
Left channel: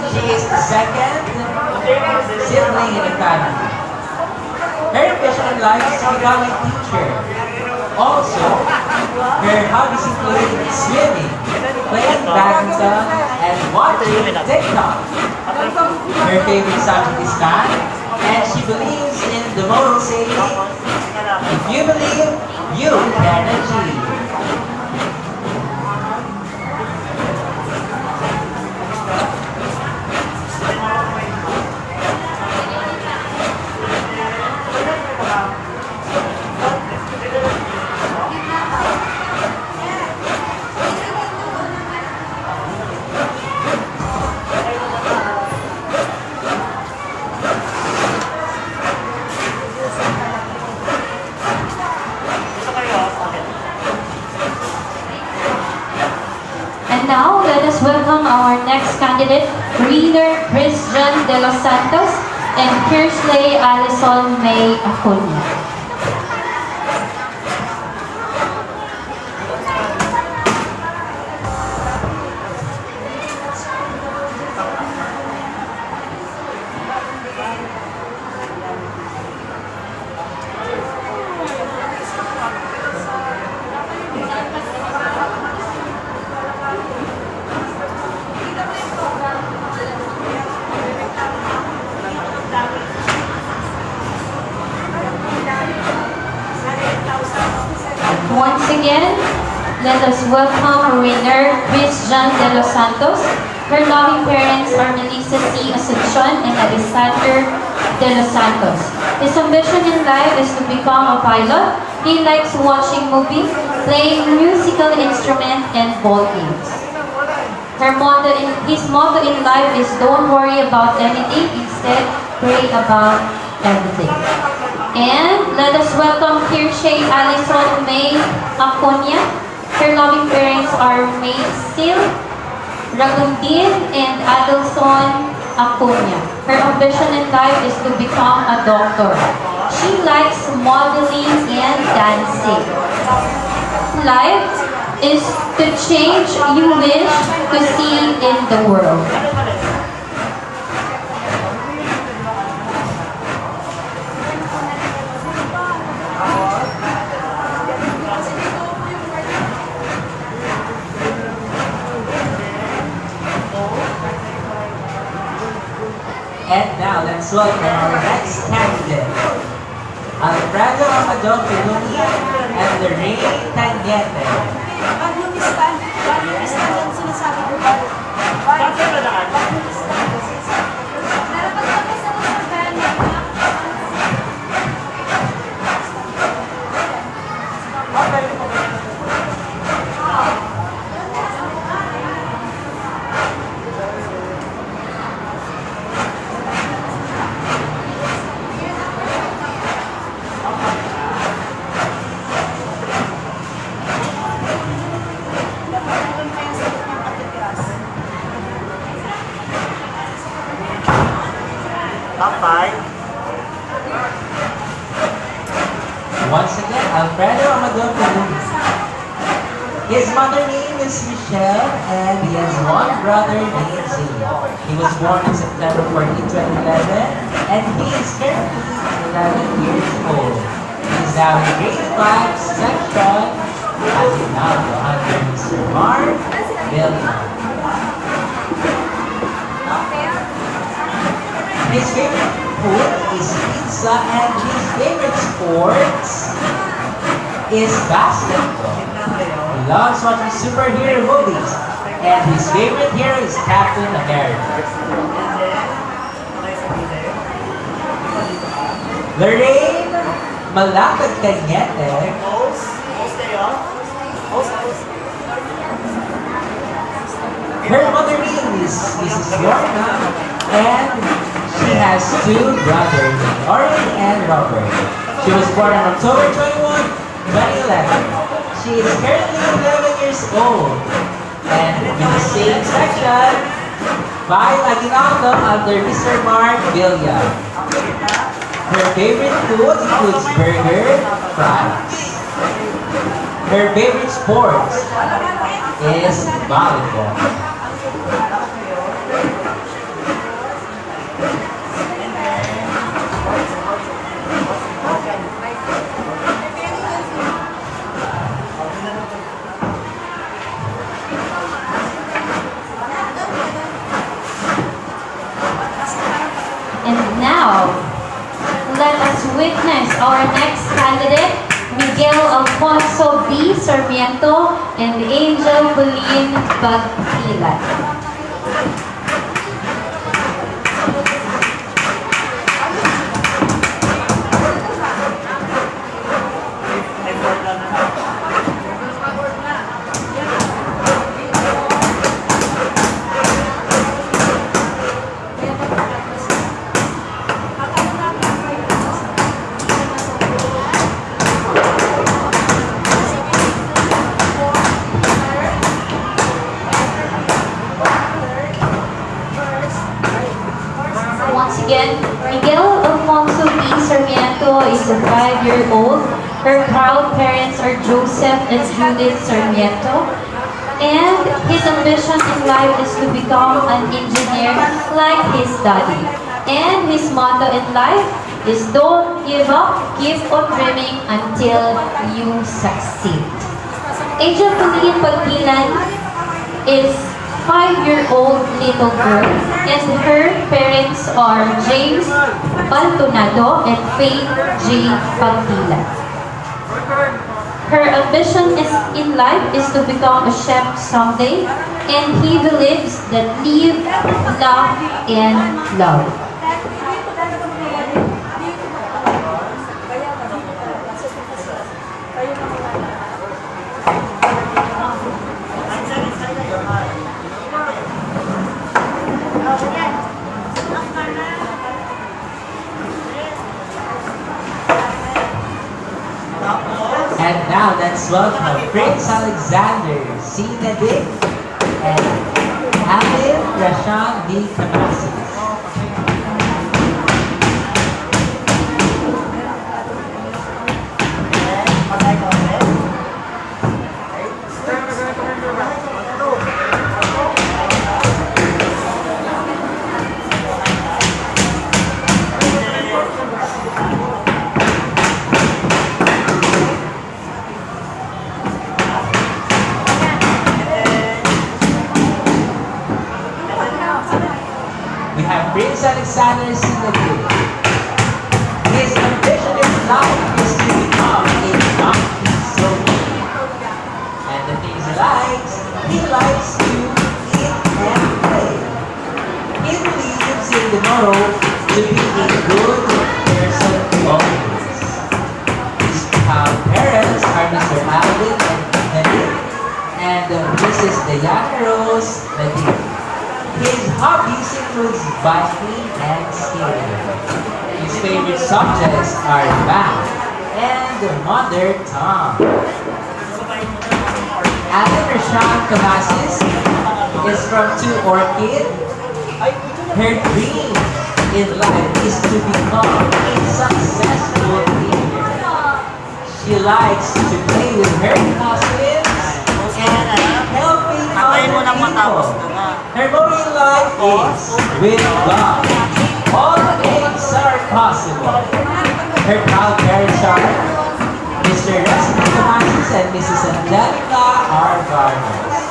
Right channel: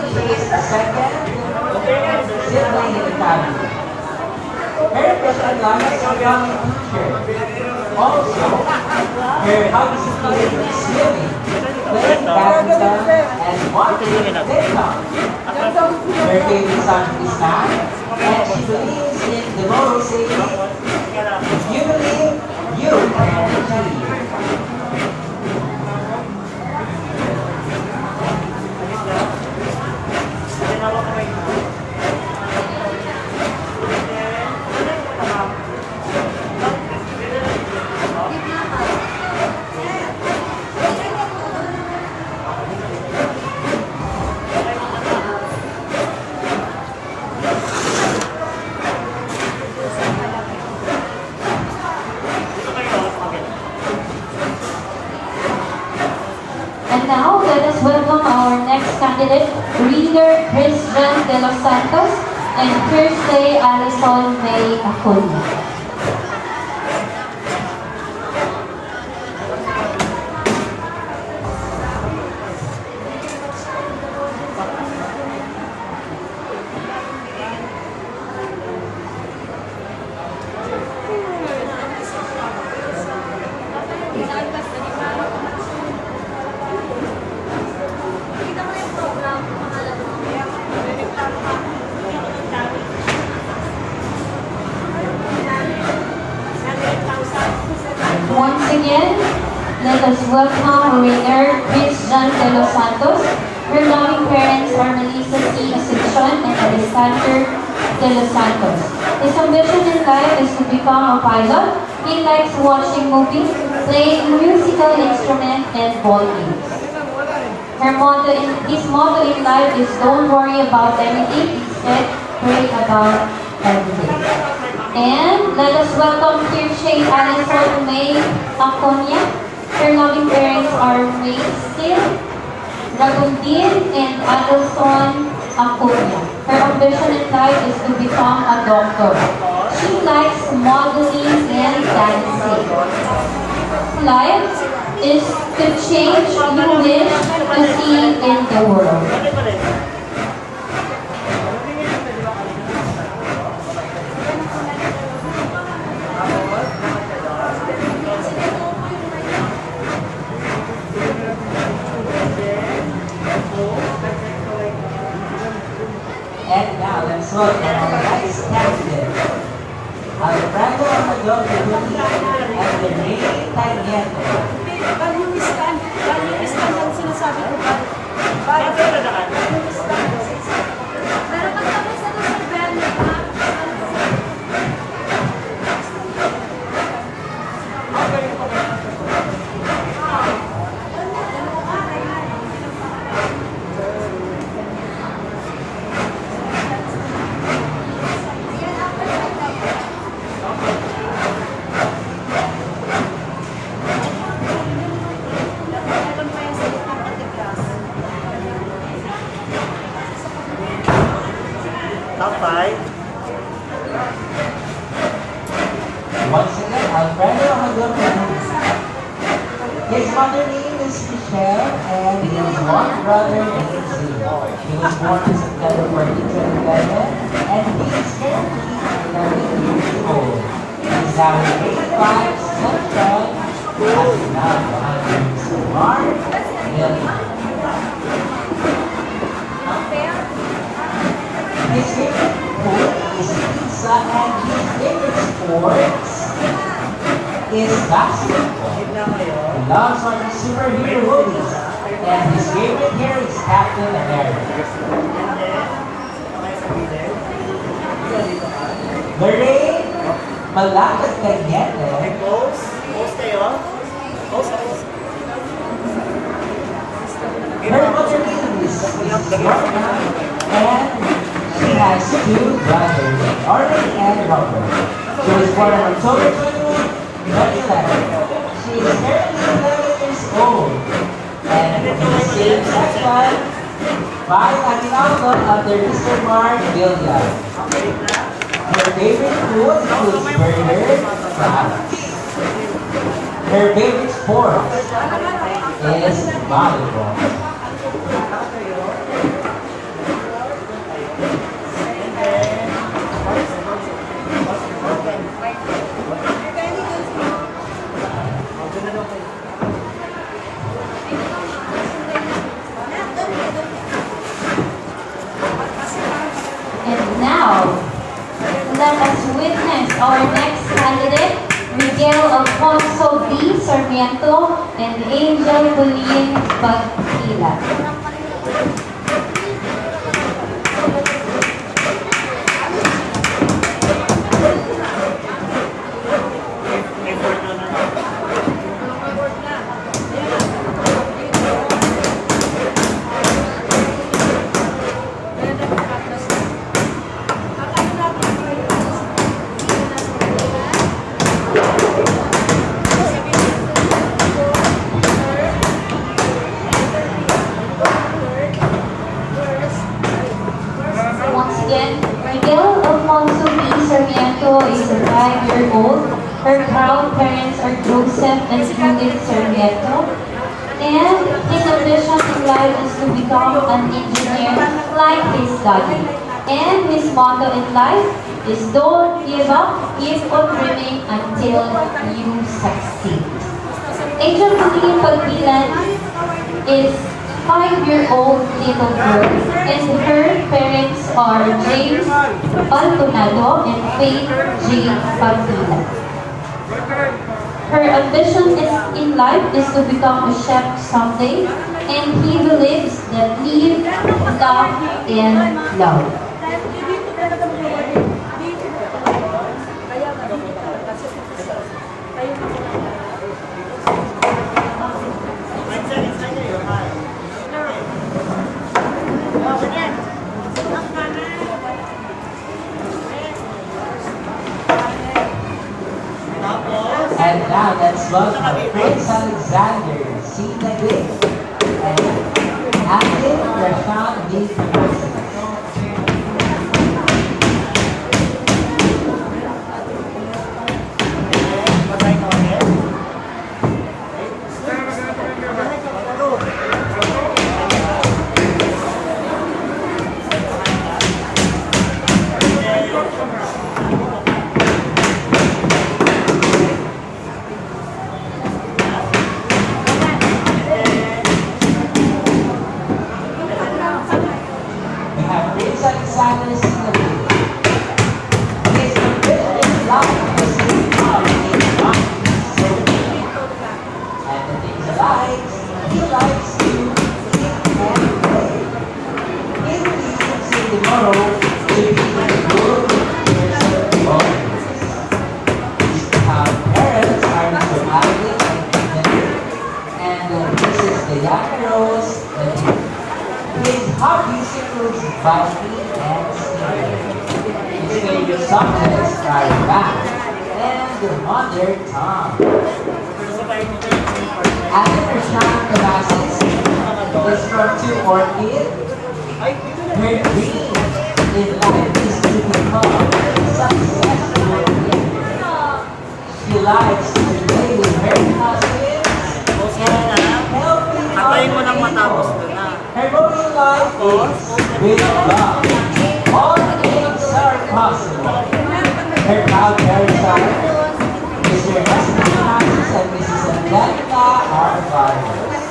She is the second sibling in the family. Her ambition in life is to become a teacher. Also, her hobbies include swimming, playing badminton, and watching TikTok. Her favorite subject is math, and she believes in the motto saying, if you believe, you can achieve. And now, let us welcome our next candidate, Reader Christian De Los Santos and Kirsley Alison May Acuna. Once again, let us welcome winner Christian De Los Santos. Her loving parents are Melissa C. Asuncion and Alexander De Los Santos. His ambition in life is to become a pilot. He likes watching movies, playing musical instruments, and ball games. His motto in life is don't worry about anything, instead pray about everything. And let us welcome Kirche Alison May Acuna. Her loving parents are May Sil Ragundin and Adelson Acuna. Her ambition in life is to become a doctor. She likes modeling and dancing. Life is to change you wish to see in the world. And now let's welcome our next candidate, Alfredo Amador Pedunia and Lorraine Tanyete. Pag yung stand yung sinasabi ko ba? Bakit yung stand? Top 5. Once again, Alfredo Amador Pedunia. His mother name is Michelle and he has one brother named Zillo. He was born on September 14, 2011 and he is currently 11 years old. He is now in grade 5 section as he now under Mr. Mark Villan. His favorite food is pizza and his favorite sports is basketball. He loves watching superhero movies and his favorite hero is Captain America. Lorraine malapit kay Niete. Pose? Pose kayo? Pose? Her mother name is Mrs. Lorna, and she has two brothers, Oren and Robert. She was born on October 21, 2011. She is currently 11 years old. And in the same section, by Aguinaldo under Mr. Mark Villa. Her favorite food includes burger, fries. Her favorite sport is volleyball. And now, let us witness our next candidate, Miguel Alfonso B. Sarmiento and Angel Pauline Bagpilan. Once again, Miguel Alfonso B. Sarmiento is a 5-year-old. Her proud parents are Joseph and Judith Sarmiento. And his ambition in life is to become an engineer like his daddy. And his motto in life is don't give up, keep on dreaming until you succeed. Angel Pauline Pagpilan is 5-year-old little girl, and her parents are James Baltonado and Faith J. Pagpilan. Her ambition in life is to become a chef someday, and he believes that live, laugh, and love. And now let's welcome Prince Alexander C. Nadik and Alvin Rashan B. Kamasis. We have Prince Alexander C. Nadik. His ambition in life is to become a donkey soldier. And the things he likes to eat and play. He believes in tomorrow to be a good person always. His parents are Mr. Alvin and Nadik, and Mrs. Diana Rose Nadik. His hobbies include biking and skiing. His favorite subjects are math and mother tongue. Alvin Rashan Kamasis is from 2 Orchid. Her dream in life is to become a successful leader. She likes to play with her cousins and helping other people. Her motto in life is with God. All things are possible. Her proud parents are Mr. Rusty Kamasis and Mrs. Angelica R. Vargas.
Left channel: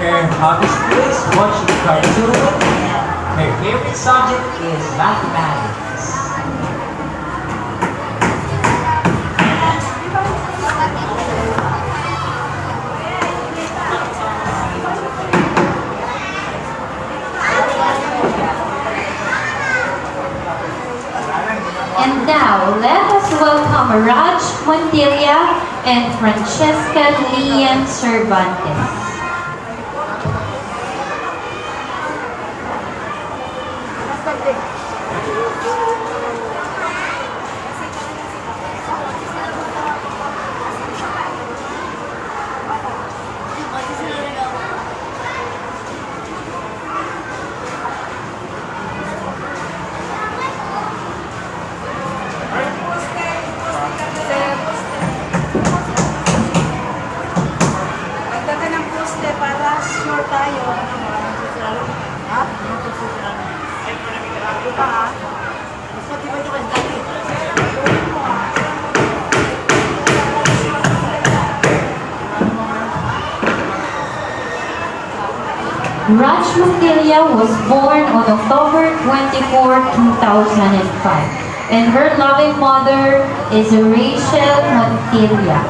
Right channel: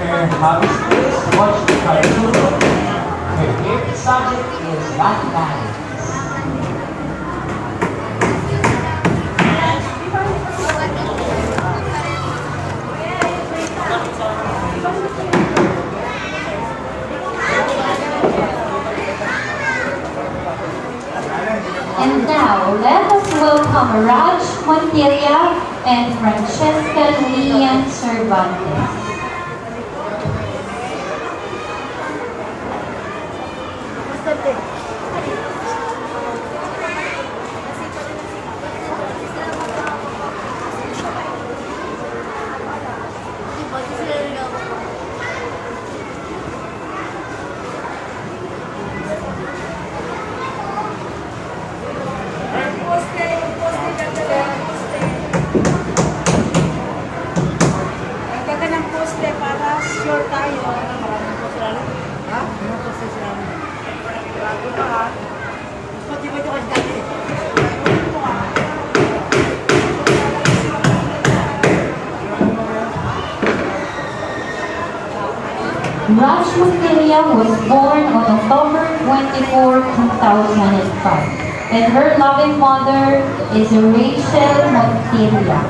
Her hobbies is watching cartoons. Her favorite subject is mathematics. And now, let us welcome Raj Montilla and Francesca Lian Cervantes. Ang ganda ng poste para sure tayo. Ha? Bago ka ha? Gusto di ba ito kanta? Raj Montilla was born on October 24, 2005, and her loving mother is Rachel Montilla.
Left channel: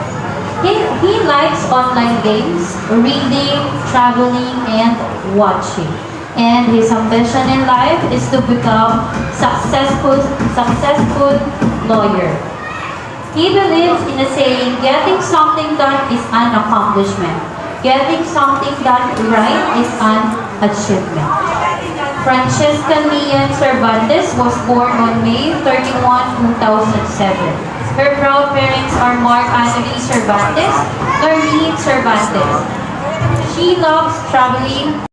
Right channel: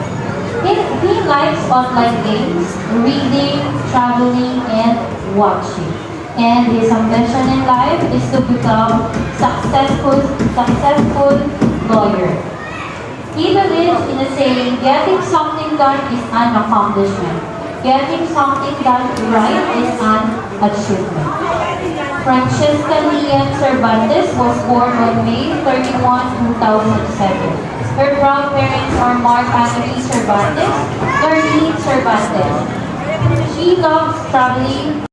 He likes online games, reading, traveling, and watching. And his ambition in life is to become successful lawyer. He believes in a saying, getting something done is an accomplishment. Getting something done right is an achievement. Francesca Lian Cervantes was born on May 31, 2007. Her proud parents are Mark Anthony Cervantes, Lorraine Cervantes. She loves traveling,